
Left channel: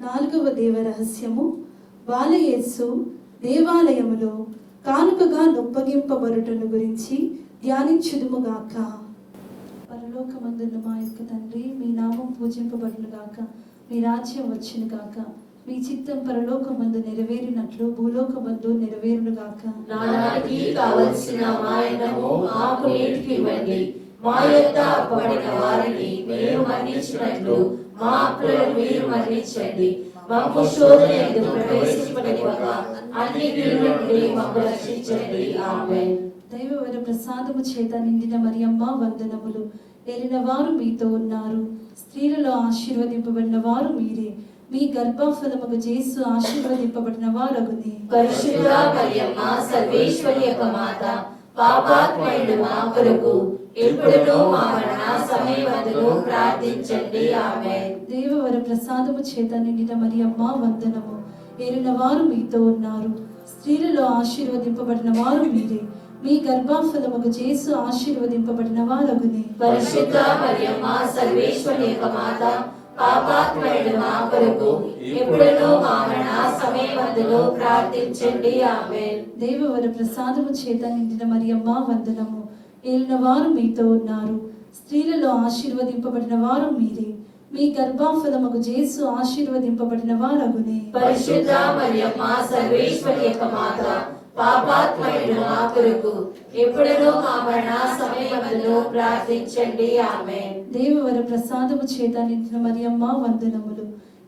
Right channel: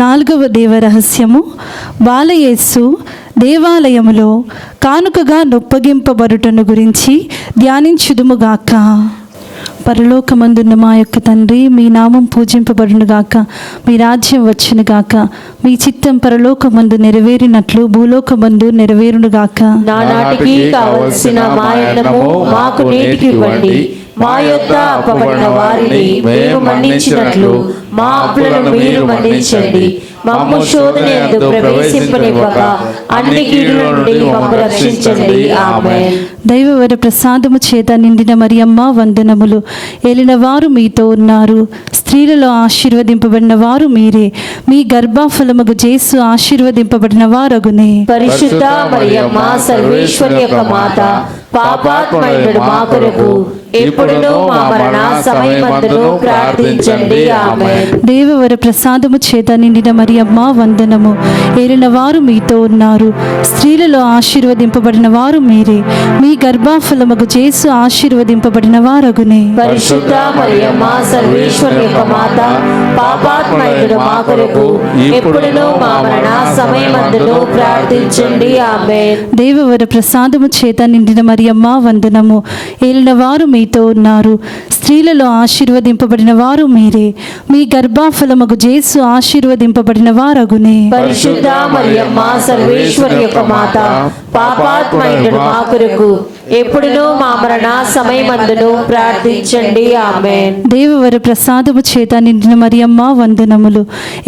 4వ దేవ రహస్యము, బాలయేసు దేవాలయములో కానుకగా నొప్పగింపబడుటను గురించి ధ్యానించుదుముగాక. పరలోకమందున్న మా యొక్క తండ్రి, మీ నామం పూజింపబడునుగాక, మీ రాజ్యం వచ్చునుగాక, మీ చిత్తం పరలోకమందు నెరవేరినట్లు భూలోకమందు నెరవేరునుగాక. నానాటికి కావలసిన మా అన్నము మాకు నేటికి ఇవ్వండి. మా యొద్ద అప్పబడిన వారిని మేము మన్నించినట్లు మా అప్పులను మీరు మన్నించండి. మమ్ము శోధనయందు ప్రవేశింపనివ్వక అన్ని కీడుల నుండి మమ్ము రక్షించండి. ఆమేన్. దైవవర ప్రసాదము చేత నిండిన మరియమ్మ వందనములు. ఏలిన వారు మీతో ఉన్నారు, స్త్రీలలో ఆశీర్వదింపబడిన వారు మీరే. మీ గర్భఫలముగు యేసు ఆశీర్వదింపబడిన వారగునే. పరిశుద్ధ మరియమ్మ సర్వేశ్వరి యొక్క మాత, పాపాత్మయుడు మా కొరకు ఇప్పుడును మా మరణ సమయమందును ప్రార్థించండి. ఆమేన్. దేవవర ప్రసాదము చేత నిండిన మరియమ్మ వందనము. ఏలిన వారు మీతో ఉన్నారు, స్త్రీలలో ఆశీర్వదింపబడిన వారు మీరే. మీ గర్భఫలముగు యేసు ఆశీర్వదింపబడిన వారగునే. పరిశుద్ధ మరియమ్మ సర్వేశ్వరి యొక్క మాత, పాపాత్మయుడు మా కొరకు ఇప్పుడును మా మరణ సమయమందును ప్రార్థించండి. ఆమేన్. దేవవర ప్రసాదము చేత నిండిన మరియమ్మ వందనము. ఏలిన వారు మీతో ఉన్నారు, స్త్రీలలో ఆశీర్వదింపబడిన వారు మీరే. మీ గర్భఫలముగు యేసు ఆశీర్వదింపబడిన వారగునే. పరిశుద్ధ మరియమ్మ సర్వేశ్వరి యొక్క మాత, పాపాత్మయుడు మా కొరకు ఎప్పుడును మా మరణ సమయమందును ప్రార్థించండి. ఆమేన్. దేవవర ప్రసాదము చేత నిండిన మరియమ్మ వందనములు.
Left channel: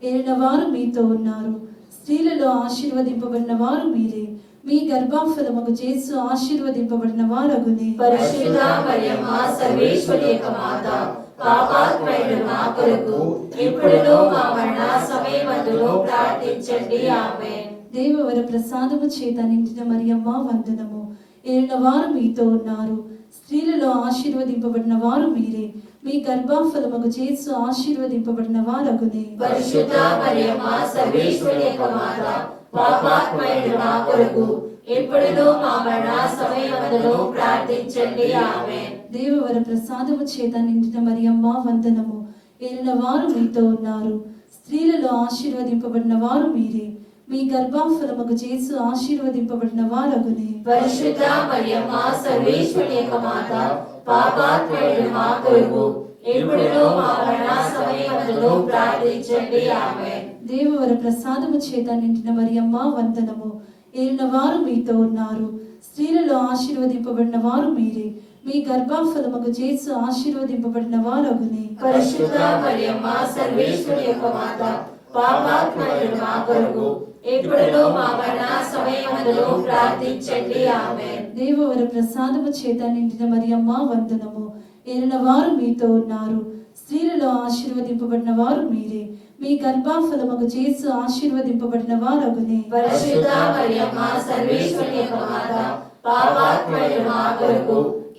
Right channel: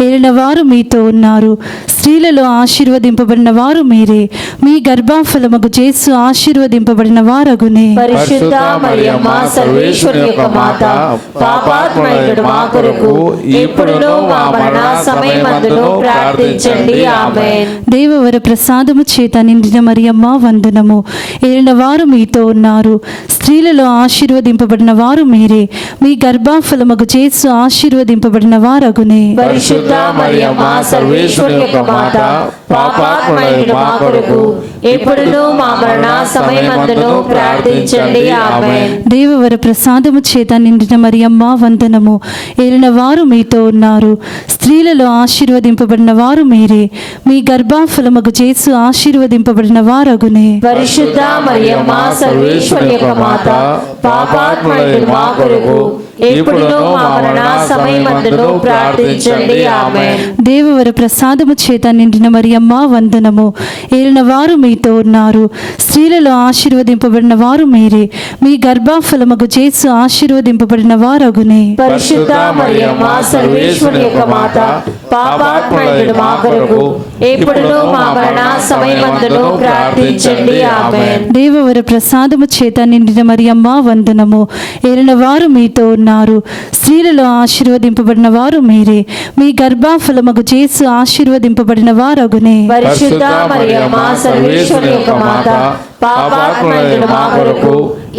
ఏలిన వారు మీతో ఉన్నారు, స్త్రీలలో ఆశీర్వదింపబడిన వారు మీరే. మీ గర్భఫలముగు యేసు ఆశీర్వదింపబడిన వారగునే. పరిశుద్ధ మరియమ్మ సర్వేశ్వరి యొక్క మాత, పాపాత్మయుడు మా కొరకు ఎప్పుడును మా మరణ సమయమందును ప్రార్థించండి. ఆమేన్. దేవవర ప్రసాదము చేత నిండిన మరియమ్మ వందనము. ఏలిన వారు మీతో ఉన్నారు, స్త్రీలలో ఆశీర్వదింపబడిన వారు మీరే. మీ గర్భఫలముగు యేసు ఆశీర్వదింపబడిన వారగునే. పరిశుద్ధ మరియమ్మ సర్వేశ్వరి యొక్క మాత, పాపాత్మయుడు మా కొరకు ఎప్పుడును మా మరణ సమయమందును ప్రార్థించండి. ఆమేన్. దేవవర ప్రసాదము చేత నిండిన మరియమ్మ వందనము. ఏలిన వారు మీతో ఉన్నారు, స్త్రీలలో ఆశీర్వదింపబడిన వారు మీరే. మీ గర్భఫలముగు యేసు ఆశీర్వదింపబడిన వారగునే. పరిశుద్ధ మరియమ్మ సర్వేశ్వరి యొక్క మాత, పాపాత్మయుడు మా కొరకు ఎప్పుడును మా మరణ సమయమందును ప్రార్థించండి. ఆమేన్. దేవవర ప్రసాదము చేత నిండిన మరియమ్మ వందనము. ఏలిన వారు మీతో ఉన్నారు, స్త్రీలలో ఆశీర్వదింపబడిన వారు మీరే. మీ గర్భఫలముగు యేసు ఆశీర్వదింపబడిన వారగునే. పరిశుద్ధ మరియమ్మ సర్వేశ్వరి యొక్క మాత, పాపాత్మయుడు మా కొరకు ఎప్పుడును మా మరణ సమయమందును ప్రార్థించండి. ఆమేన్. దేవవర ప్రసాదము చేత నిండిన మరియమ్మ వందనము. ఏలిన వారు మీతో ఉన్నారు, స్త్రీలలో ఆశీర్వదింపబడిన వారు మీరే. మీ గర్భఫలముగు యేసు ఆశీర్వదింపబడిన వారగునే. పరిశుద్ధ మరియమ్మ సర్వేశ్వరి యొక్క మాత, పాపాత్మయుడు మా కొరకు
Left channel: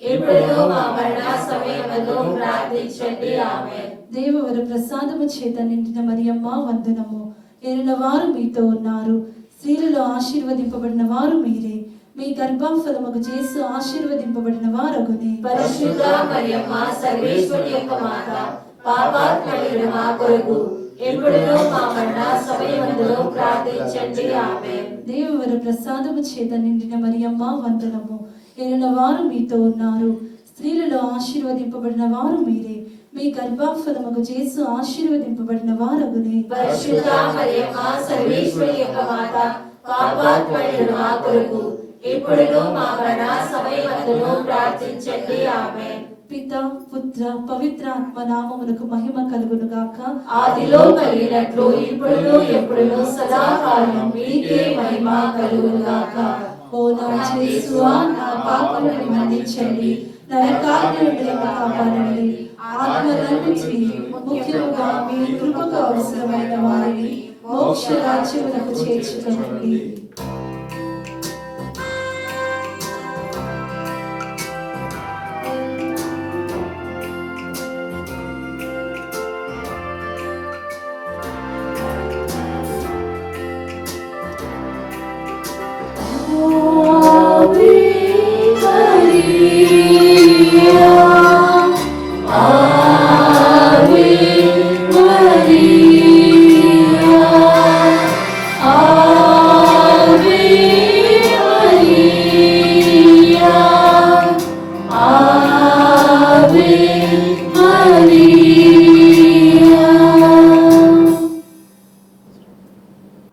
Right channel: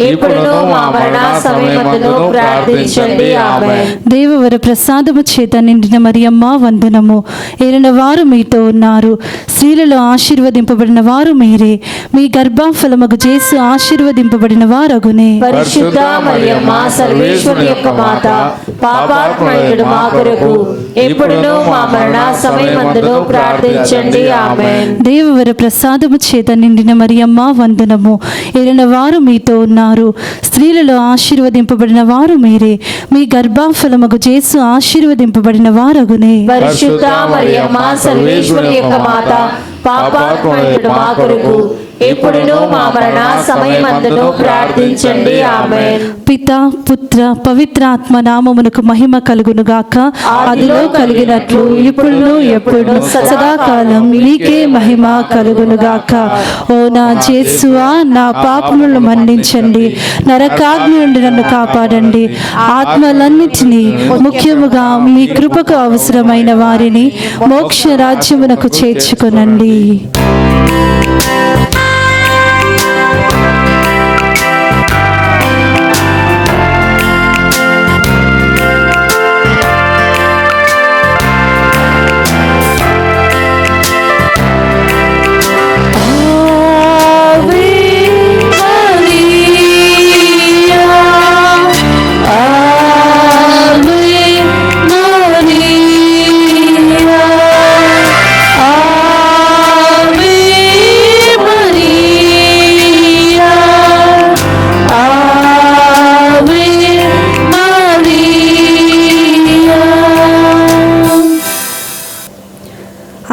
ఇప్పుడును మా మరణ సమయమందును ప్రార్థించండి. ఆమేన్. దేవవర ప్రసాదము చేత నిండిన మరియమ్మ వందనము. ఏలిన వారు మీతో ఉన్నారు, స్త్రీలలో ఆశీర్వదింపబడిన వారు మీరే. మీ గర్భఫలముగు యేసు ఆశీర్వదింపబడిన వారగునే. పరిశుద్ధ మరియమ్మ సర్వేశ్వరి యొక్క మాత, పాపాత్మయుడు మా కొరకు ఇప్పుడును మా మరణ సమయమందును ప్రార్థించండి. ఆమేన్. దేవవర ప్రసాదము చేత నిండిన మరియమ్మ వందనము. ఏలిన వారు మీతో ఉన్నారు, స్త్రీలలో ఆశీర్వదింపబడిన వారు మీరే. మీ గర్భఫలముగు యేసు ఆశీర్వదింపబడిన వారగునే. పరిశుద్ధ మరియమ్మ సర్వేశ్వరి యొక్క మాత, పాపాత్మయుడు మా కొరకు ఇప్పుడును మా మరణ సమయమందును ప్రార్థించండి. ఆమేన్. పిత, పుత్ర, పవిత్రాత్మ నామమునకు మహిమ కలుగునుగాక. ఆదిలో కలిగినట్లు ఇప్పుడును ఎప్పుడును సదాకాలం మీకే మహిమ కలుగునుగాక. ఓ నా యేసువా, నా పాపములను మన్నించండి, నరకాగ్ని నుండి నన్ను కాపాడండి. ఆత్మలన్నిటినీ, ముఖ్యముగా మీ కృపకు అవసరమైన వారిని మోక్ష రాజ్యమునకు చేర్చుకొనండి. Ave Maria.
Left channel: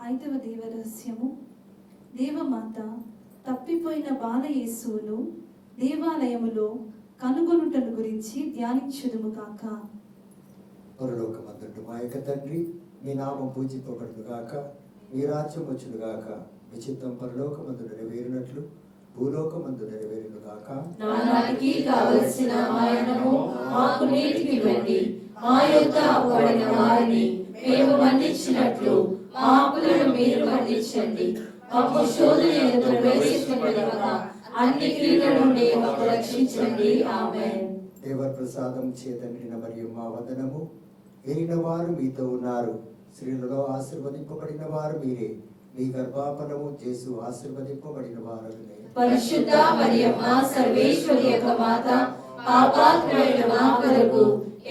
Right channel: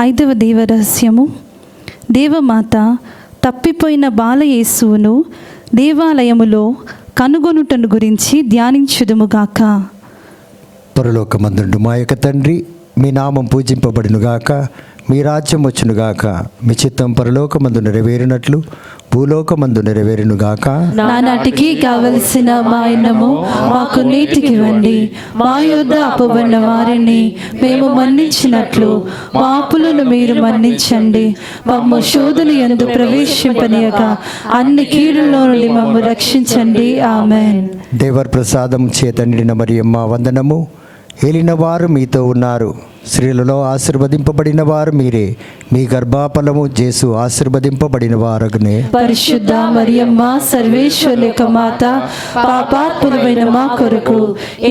ఐదవ దేవరహస్యము. దేవమాత తప్పిపోయిన బాలయేసువును దేవాలయములో కనుగొనుటను గురించి ధ్యానించుదుముగాక. పరలోకమందుండు మా యొక్క తండ్రి, మీ నామం పూజింపబడునుగాక, మీ రాజ్యం వచ్చునుగాక, మీ చిత్తం పరలోకమందు నెరవేరినట్లు భూలోకమందు నెరవేరునుగాక. నానాటికి కావలసిన మా అన్నము మాకు నీటికి ఇవ్వండి. మా యొద్ద అప్పుబడిన వారిని మేము మన్నించినట్లు మా అప్పులను మీరు మన్నించండి. మమ్ము శోధన యందు ప్రవేశింపనీయక అన్ని కీడుల నుండి మమ్ము రక్షించండి. ఆమేన్. దేవర్ ప్రసాదం చేత నిండిన మరియమ్మ వందనము. ఏలిన వారు మీతో ఉన్నారు, స్త్రీలలో ఆశీర్వదింపబడిన వారు మీరే, మీ గర్భఫలము యేసు ఆశీర్వదింపబడిన వారగునే. పరిశుద్ధ మరియమ్మ సర్వేశ్వరి యొక్క మాత, పాపాత్ములమైన మా కొరకు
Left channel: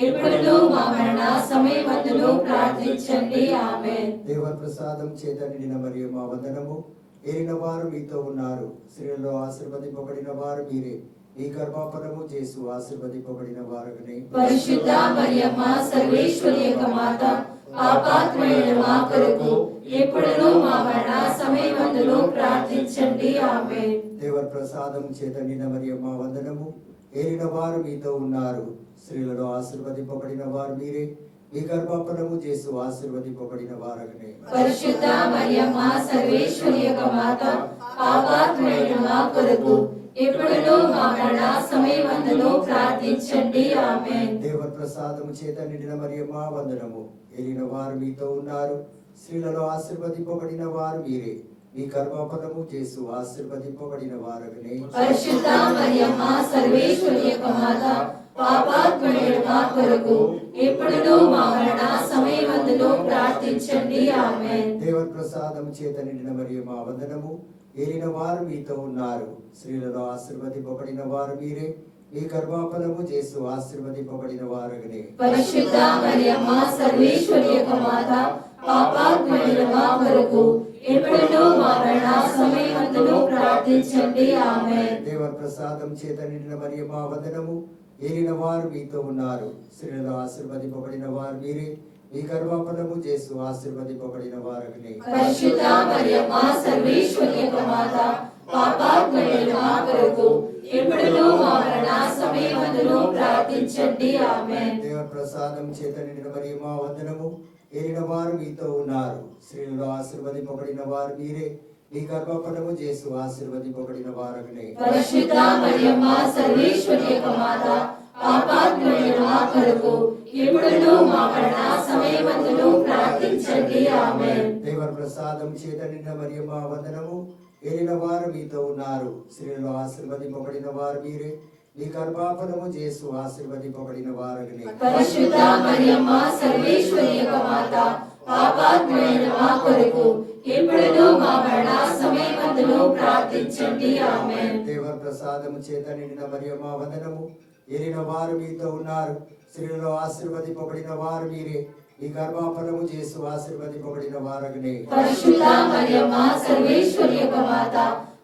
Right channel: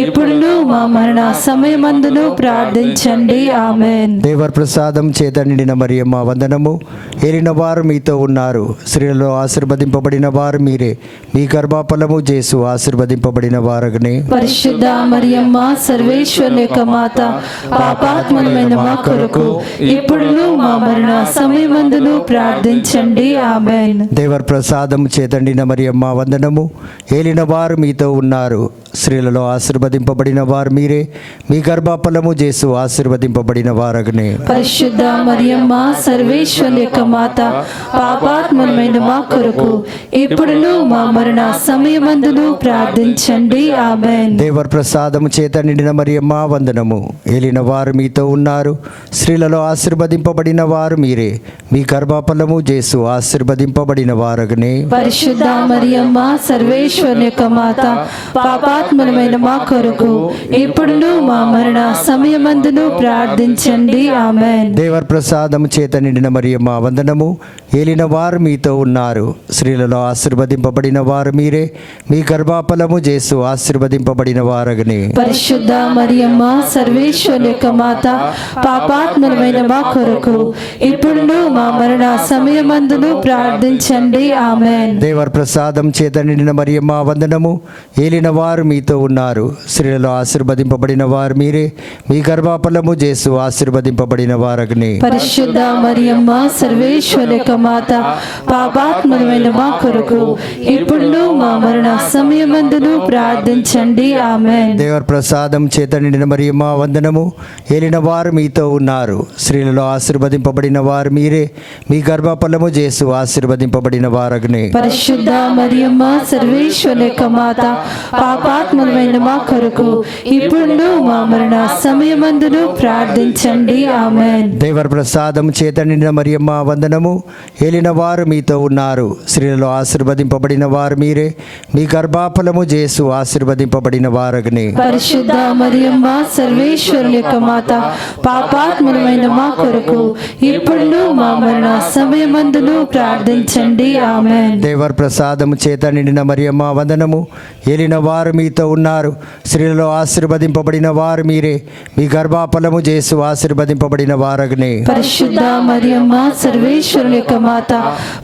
ఎప్పుడును మా మరణ సమయమందును ప్రార్థించండి. ఆమేన్. దేవర్ ప్రసాదం చేత నిండిన మరియమ్మ వందనము. ఏలిన వారు మీతో ఉన్నారు, స్త్రీలలో ఆశీర్వదింపబడిన వారు మీరే, మీ గర్భఫలము యేసు ఆశీర్వదింపబడిన వారగునే. పరిశుద్ధ మరియమ్మ సర్వేశ్వరి యొక్క మాత, పాపాత్ములమైన మా కొరకు ఎప్పుడును మా మరణ సమయమందును ప్రార్థించండి. ఆమేన్. దేవర్ ప్రసాదం చేతండిన మరియమ్మ వందనము. ఏలిన వారు మీతో ఉన్నారు, స్త్రీలలో ఆశీర్వదింపబడిన వారు మీరే, మీ గర్భఫలము యేసు ఆశీర్వదింపబడిన వారగునే. పరిశుద్ధ మరియమ్మ సర్వేశ్వరి యొక్క మాత, పాపాత్ములమైన మా కొరకు ఎప్పుడును మా మరణ సమయమందును ప్రార్థించండి. ఆమేన్. దేవర్ ప్రసాదం చేత నిండిన మరియమ్మ వందనము. ఏలిన వారు మీతో ఉన్నారు, స్త్రీలలో ఆశీర్వదింపబడిన వారు మీరే, మీ గర్భఫలము యేసు ఆశీర్వదింపబడిన వారగునే. పరిశుద్ధ మరియమ్మ సర్వేశ్వరి యొక్క మాత, పాపాత్ములమైన మా కొరకు ఎప్పుడును మా మరణ సమయమందును ప్రార్థించండి. ఆమేన్. దేవర్ ప్రసాదం చేత నిండిన మరియమ్మ వందనము. ఏలిన వారు మీతో ఉన్నారు, స్త్రీలలో ఆశీర్వదింపబడిన వారు మీరే, మీ గర్భఫలము యేసు ఆశీర్వదింపబడిన వారగునే. పరిశుద్ధ మరియమ్మ సర్వేశ్వరి యొక్క మాత, పాపాత్ములమైన మా కొరకు ఎప్పుడును మా మరణ సమయమందును ప్రార్థించండి. ఆమేన్. దేవర్ ప్రసాదం చేత నిండిన మరియమ్మ వందనము. ఏలిన వారు మీతో ఉన్నారు, స్త్రీలలో ఆశీర్వదింపబడిన వారు మీరే, మీ గర్భఫలము యేసు ఆశీర్వదింపబడిన వారగునే. పరిశుద్ధ మరియమ్మ సర్వేశ్వరి యొక్క మాత, పాపాత్ములమైన మా కొరకు ఎప్పుడును మా మరణ సమయమందును ప్రార్థించండి. ఆమేన్. దేవర్ ప్రసాదం చేత నిండిన మరియమ్మ వందనము. ఏలిన వారు మీతో ఉన్నారు, స్త్రీలలో ఆశీర్వదింపబడిన వారు మీరే, మీ గర్భఫలము యేసు ఆశీర్వదింపబడిన వారగునే. పరిశుద్ధ మరియమ్మ సర్వేశ్వరి యొక్క మాత, పాపాత్ములమైన మా కొరకు ఇప్పుడును మా మరణ సమయమందును ప్రార్థించండి. ఆమేన్. దేవర్ ప్రసాదం చేత నిండిన మరియమ్మ వందనము. ఏలిన వారు మీతో ఉన్నారు, స్త్రీలలో ఆశీర్వదింపబడిన వారు మీరే, మీ గర్భఫలము యేసు ఆశీర్వదింపబడిన వారగునే. పరిశుద్ధ మరియమ్మ సర్వేశ్వరి యొక్క మాత, పాపాత్ములమైన మా కొరకు ఇప్పుడును మా మరణ సమయమందును ప్రార్థించండి. ఆమేన్. దేవర్ ప్రసాదం చేత నిండిన మరియమ్మ వందనము. ఏలిన వారు మీతో ఉన్నారు, స్త్రీలలో ఆశీర్వదింపబడిన వారు మీరే, మీ గర్భఫలము యేసు ఆశీర్వదింపబడిన వారగునే. పరిశుద్ధ మరియమ్మ సర్వేశ్వరి యొక్క మాత,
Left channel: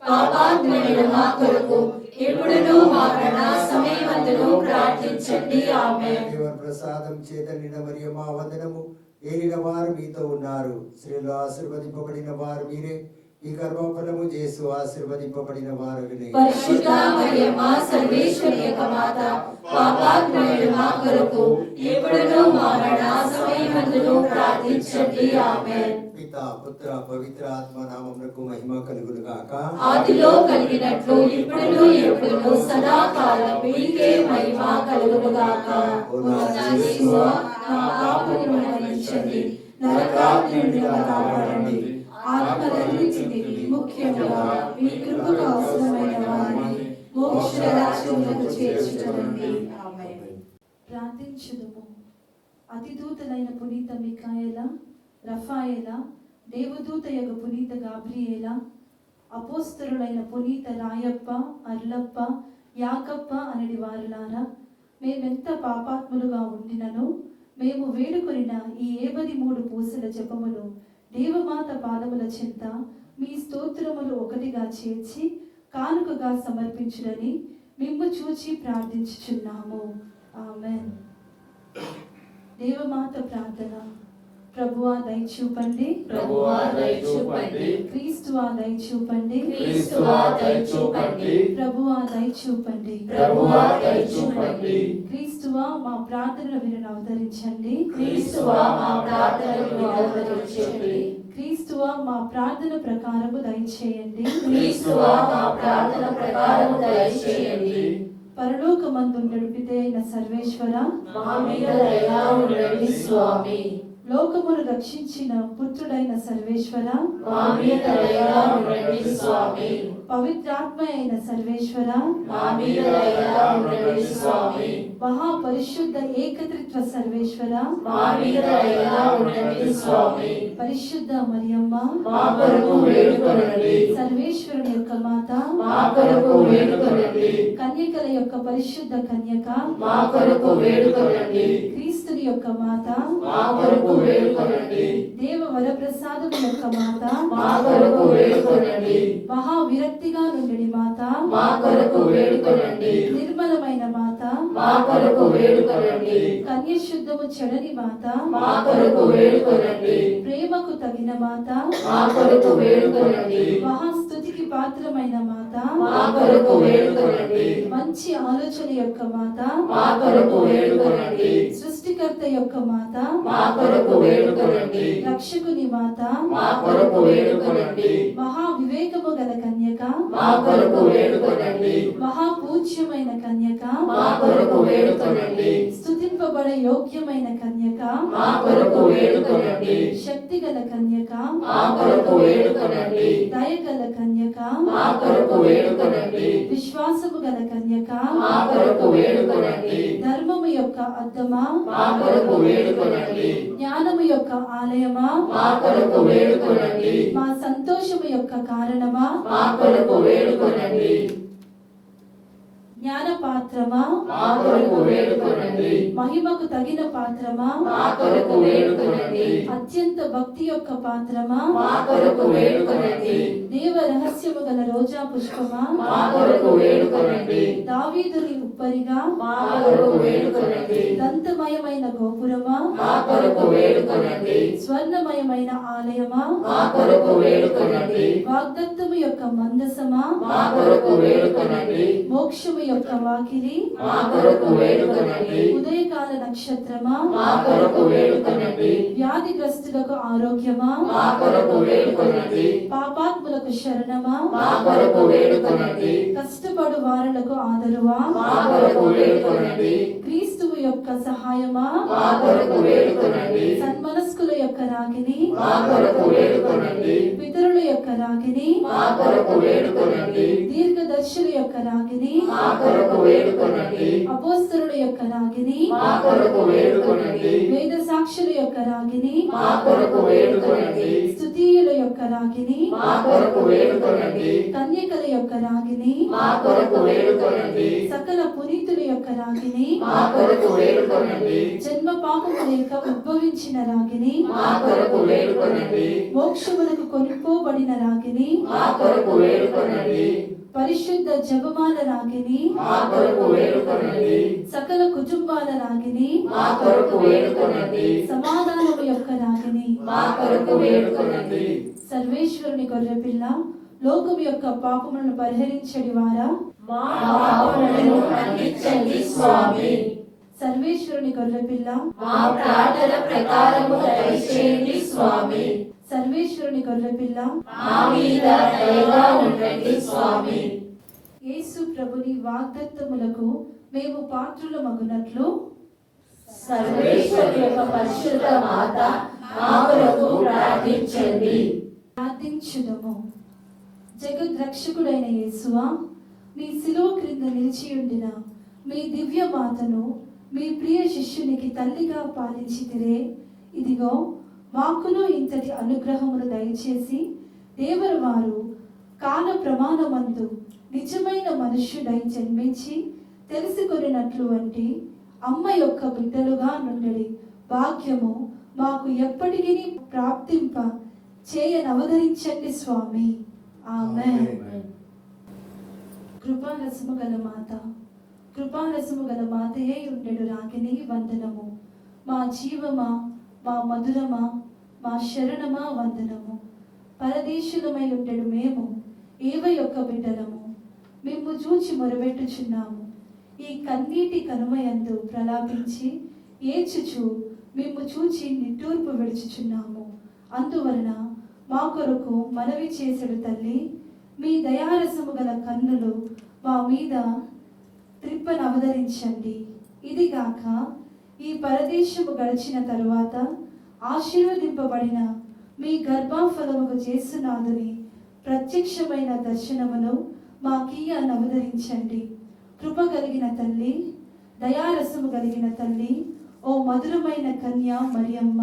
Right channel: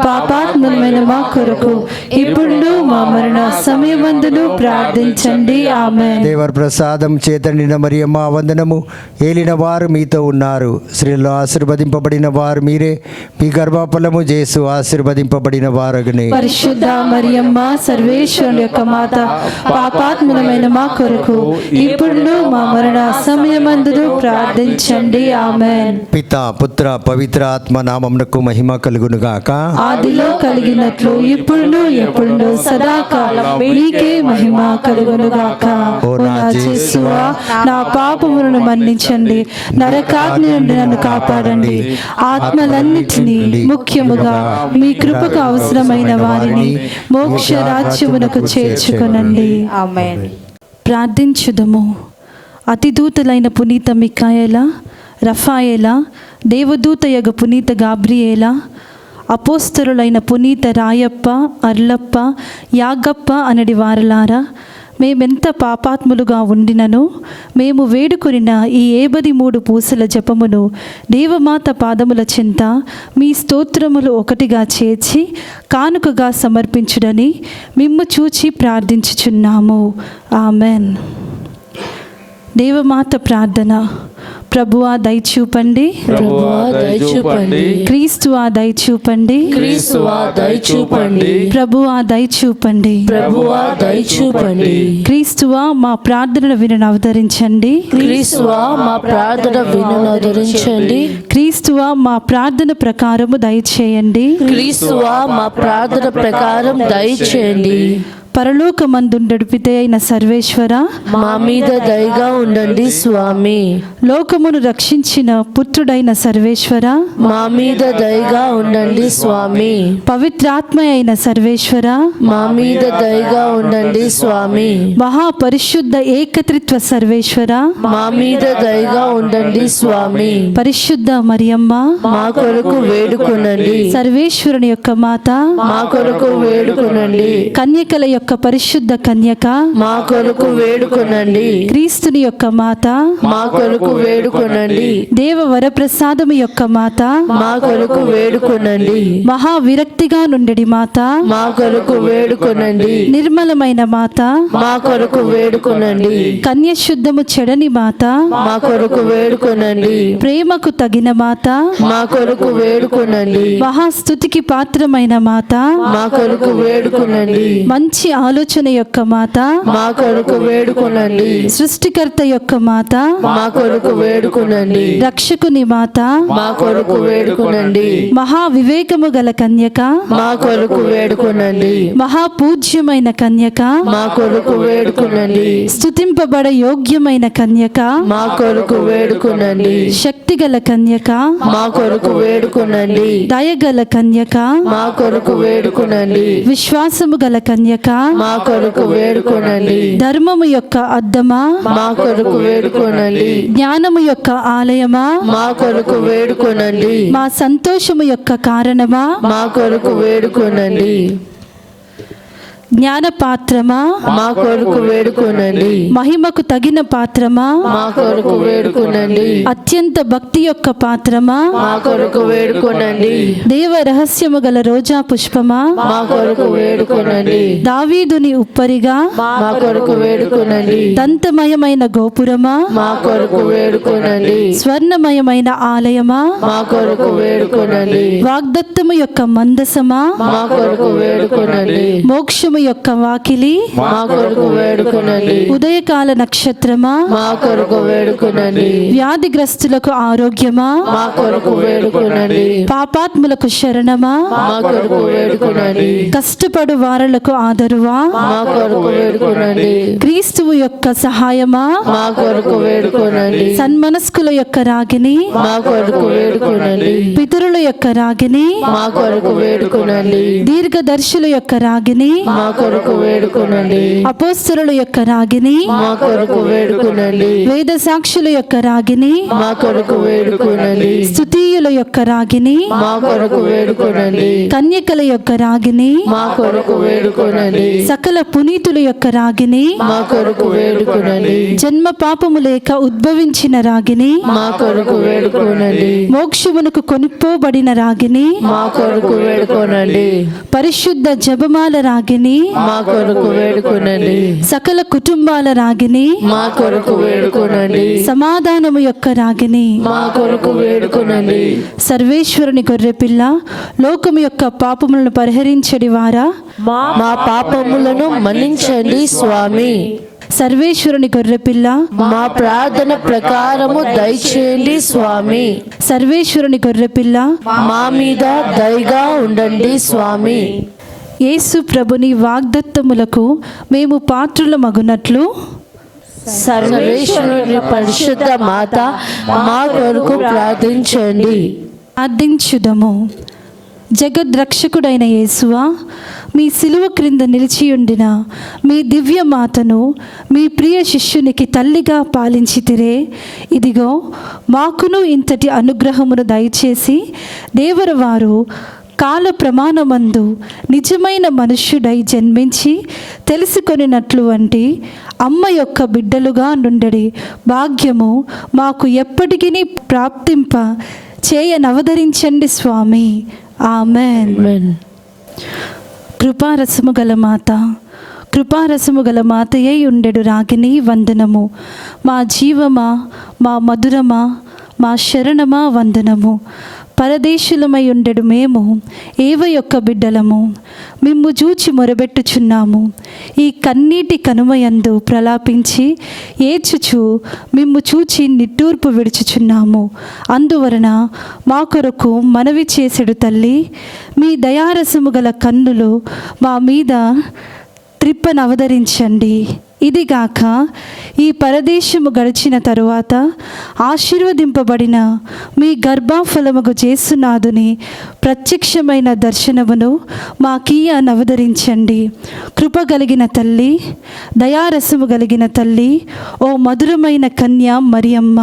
పాపాత్ములమైన మా కొరకు ఇప్పుడును మా మరణ సమయమందును ప్రార్థించండి. ఆమేన్. దేవర్ ప్రసాదం చేత నిండిన మరియమ్మ వందనము. ఏలిన వారు మీతో ఉన్నారు, స్త్రీలలో ఆశీర్వదింపబడిన వారు మీరే, మీ గర్భఫలము యేసు ఆశీర్వదింపబడిన వారగునే. పరిశుద్ధ మరియమ్మ సర్వేశ్వరి యొక్క మాత, పాపాత్ములమైన మా కొరకు ఇప్పుడును మా మరణ సమయమందును ప్రార్థించండి. ఆమేన్. పిత పుత్ర పవిత్ర ఆత్మ నామమునకు మహిమ కలుగునుగాక. ఆదిలో కలిగినట్లు ఇప్పుడును ఎప్పుడును సదాకాలం మీకే మహిమ కలుగునుగాక. ఓ నా యేసువా, నా పాపములను మన్నించండి, నరకాగ్ని నుండి నన్ను కాపాడండి, ఆత్మలన్నిటినీ ముఖ్యముగా మీ కృపకు అవసరమైన వారిని మోక్ష రాజ్యమునకు చేర్చుకొనండి. ఆమేన్. ప్రార్థించుదము. అతిదూతలైన పునీత మిఖాయేల, రఫాయేల, దేవదూతయగు పునీత గాబ్రియేల, అపోస్తలులైన పునీత రాయప్ప, అర్లప్ప, యాగప్ప అనడి వారలారా, మేమెంత పాపాత్ములుగా ఉండినను మేము వేడుకొనిన ఈ 73 పూసల జపమును దేవమాత పాదముల చింత మీ స్తోత్రములు ఒకటిగా చేర్చి కానుకగా సమర్పించుడని మిమ్ము చూచి ప్రార్థించుచున్నాము. ఆమెన్. దేవమాత ప్రార్థన. ప్రభువా దయచూపండి, ప్రభువా దయచూపండి, క్రీస్తువా దయచూపండి, క్రీస్తువా దయచూపండి, ప్రభువా దయచూపండి, ప్రభువా దయచూపండి, క్రీస్తువా మా ప్రార్థనను వినను అవతరించండి, క్రీస్తువా మా ప్రార్థన వినును ఆదరించండి, క్రీస్తువా మా ప్రార్థన ప్రకారము దయచేయండి, క్రీస్తువా మా ప్రార్థన ప్రకారం దయచేయండి. పరలోకమందుండడు పితే అయిన సర్వేశ్వర, మా మీద దయగా ఉండండి స్వామి. లోకమును రక్షించిన పుత్రుడైన సర్వేశ్వర, మా మీద దయగా ఉండండి స్వామి. పవిత్రాత్మ అయిన సర్వేశ్వర, మా మీద దయగా ఉండండి స్వామి. మహాపరిశుద్ధ ఏకత్రిత్వ సర్వేశ్వర, మా మీద దయగా ఉండండి స్వామి. పరిశుద్ధ మరియమ్మ, మా కొరకు వేడుకొనండి, సర్వేశ్వరుని యొక్క మాత, మా కొరకు వేడుకొనండి, కన్యకల యొక్క పరిశుద్ధ కన్యక, మా కొరకు వేడుకొనండి, క్రీస్తుని యొక్క మాత, మా కొరకు వేడుకొనండి, దేవ వరప్రసాదము యొక్క మాత, మా కొరకు వేడుకొనండి, మహా విరక్తిగా నుండెడి మాత, మా కొరకు వేడుకొనండి, నిర్మలమైన మాత, మా కొరకు వేడుకొనండి, కన్యశుద్ధము చెడని మాత, మా కొరకు వేడుకొనండి, ప్రేమకు తగిన మాత, మా కొరకు వేడుకొనండి, మహాస్తుతికి పాత్రమైన మాత, మా కొరకు వేడుకొనండి, మంచి ఆలోచన యొక్క మాత, మా కొరకు వేడుకొనండి, సృష్టికర్త యొక్క మాత, మా కొరకు వేడుకొనండి, రక్షకుని మాత, మా కొరకు వేడుకొనండి, మహా వివేకము గల కన్యక, మా కొరకు వేడుకొనండి, మహాపూజ్యమైన కన్యక, మా కొరకు వేడుకొనండి, స్తుతింపబడ యోగ్యమైన కన్యక, మా కొరకు వేడుకొనండి, శక్తిగల కన్యక, మా కొరకు వేడుకొనండి, దయగల కన్యక, మా కొరకు వేడుకొనండి, విశ్వాసము గల కన్యక, మా కొరకు వేడుకొనండి, ధర్మము యొక్క అద్దమా, మా కొరకు వేడుకొనండి, జ్ఞానము యొక్క ఆలయమా, మా కొరకు వేడుకొనండి, మా సంతోషము యొక్క కారణమా, మా కొరకు వేడుకొనండి, జ్ఞాన పాత్రమా, మా కొరకు వేడుకొనండి, మహిమకు తగిన పాత్రమా, మా కొరకు వేడుకొనండి, అత్యంత భక్తి యొక్క పాత్రమా, మా కొరకు వేడుకొనండి, దేవ రహస్యము గల రోజా పుష్పమా, మా కొరకు వేడుకొనండి, దావీదుని ఉప్పరిగా, మా కొరకు వేడుకొనండి, దంతమయమైన గోపురమా, మా కొరకు వేడుకొనండి, స్వర్ణమయమైన ఆలయమా, మా కొరకు వేడుకొనండి, వాగ్దత్తము యొక్క మందసమా, మా కొరకు వేడుకొనండి, మోక్షము యొక్క వాకిలి, మా కొరకు వేడుకొనండి, ఉదయకాల నక్షత్రమా, మా కొరకు వేడుకొనండి, వ్యాధిగ్రస్తులకు ఆరోగ్యమా, మా కొరకు వేడుకొనండి, పాపాత్ములకు శరణమా, మా కొరకు వేడుకొనండి, కష్టపడు వారలకు ఆదరువా, మా కొరకు వేడుకొనండి, క్రీస్తువు యొక్క సహాయమా, మా కొరకు వేడుకొనండి, సన్మనస్కుల యొక్క రాగిని, మా కొరకు వేడుకొనండి, పితరుల యొక్క రాగిని, మా కొరకు వేడుకొనండి, దీర్ఘదర్శుల యొక్క రాగిని, మా కొరకు వేడుకొనండి, అపోస్తలుల యొక్క రాగిని, మా కొరకు వేడుకొనండి, వేద సాక్షుల యొక్క రాగిని, మా కొరకు వేడుకొనండి, స్తుతీయుల యొక్క రాగిని, మా కొరకు వేడుకొనండి, కన్యకల యొక్క రాగిని, మా కొరకు వేడుకొనండి, సకల పునీతుల యొక్క రాగిని, మా కొరకు వేడుకొనండి, జన్మ పాపము లేక ఉద్భవించిన రాగిని, మా కొరకు వేడుకొనండి, మోక్షమునకు కొనుక్కోబడిన రాగిని, మా కొరకు వేడుకొనండి, పరిశుద్ధ జపమాల రాగిని, మా కొరకు వేడుకొనండి, సకల కుటుంబాల రాగిని, మా కొరకు వేడుకొనండి, సమాధానము యొక్క రాగిని, మా కొరకు వేడుకొనండి, సర్వేశ్వరుని గొర్రెపిల్ల, లోకము యొక్క పాపములను పరిహరించడి వారా, మా పాపములను మన్నించండి స్వామి. సర్వేశ్వరుని గొర్రెపిల్ల, మా ప్రార్థన ప్రకారము దయచేయండి స్వామి. సర్వేశ్వరుని గొర్రెపిల్ల, మా మీద దయగా ఉండండి స్వామి. యేసు ప్రభుని వాగ్దత్తములకు మేము పాత్రుల మగునట్లు, సర్వేశ్వరుని పరిశుద్ధ మాత మా కొరకు ప్రార్థించండి. ప్రార్థించుదము. జగద్రక్షకుడైన యేసువా, మీ సిలువ క్రింద నిలిచియుండిన మీ దివ్య మాతను మీ ప్రియ శిష్యునికి తల్లిగా పాలించితిరే. ఇదిగో మాకును ఇంతటి అనుగ్రహమును దయచేసి దేవరవారు కాల ప్రమాణమందు నిజమైన మనుష్యుడై జన్మించి తెలుసుకొనినట్లు వంటి అమ్మ యొక్క బిడ్డలుగా నుండడి భాగ్యము మాకు ఎప్పటికీ ప్రాప్తింప చేయనవదరించండి స్వామి. ఆమెన్. ఆమేన్. కృపారసము గల మాత, కృపారసము గల మాతయ్యై ఉండెడు రాగిని వందనము. మా జీవమా, మా మధురమా, మా శరణమా వందనము. పరదేశులమై ఉండెడు మేము ఏవ యొక్క బిడ్డలము, మిమ్ము చూచి మొరబెట్టుచున్నాము. ఈ కన్నీటి కనుమయందు ప్రలాపించి ఏడ్చుచు మిమ్ము చూచి నిట్టూర్పు విడుచుచున్నాము. అందువలన మా కొరకు మనవి చేసెడు తల్లి, మీ దయారసము గల కన్నులు మా మీద త్రిప్పనవతరించండి. ఇదిగాక ఈ పరదేశము గడిచిన తరువాత ఆశీర్వదింపబడిన మీ గర్భఫలముగు యేసునాథుని ప్రత్యక్షమైన దర్శనమును మాకీయ నవదరించండి. కృప కలిగిన తల్లి, దయారసము కలిగిన తల్లి, ఓ మధురమైన కన్య మరియమ్మ.